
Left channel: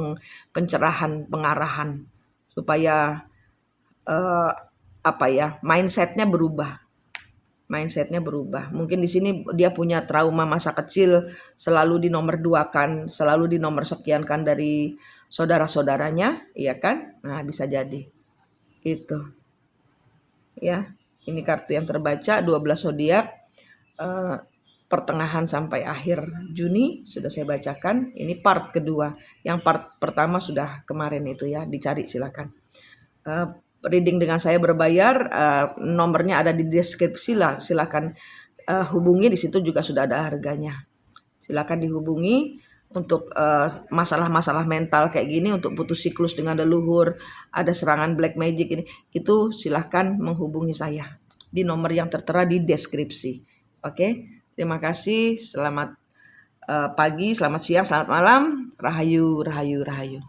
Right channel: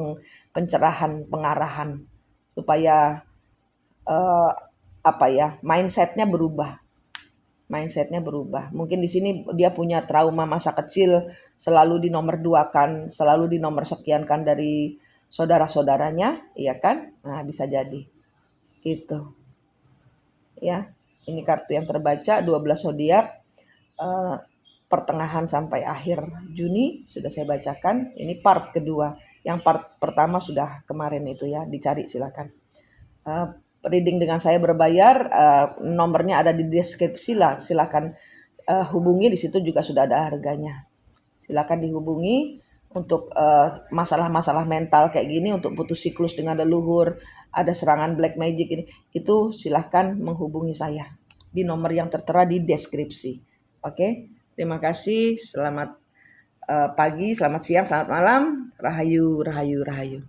pencerahan, pengarahan, supaya mindsetnya berubah. Mungkin di sini dia punya trauma masa kecil, selalu dinomorduakan, selalu dinomorsekiankan dari saudara-saudaranya, iya kan? Nah, bisa jadi. Itu. Ya. Ini kartu yang terbaca 12 zodiak pertengahan sampai akhir Juni sudah saya bacakan. Ini part kedua. Yang part pertama sudah kemarin itu ya, dicari silakan. Reading dengan saya berbayar, nomornya ada di deskripsi lah, silakan hubungi, di situ juga sudah ada harganya. Silakan dihubungi untuk masalah-masalah mental kayak gini, untuk putus siklus dengan leluhur, ada serangan black magic ini, itu silakan menghubungi saya di nomor yang tertera di deskripsi. Oke, terima kasih. Selamat pagi, selamat siang, selamat malam. Rahayu, rahayu, rahayu.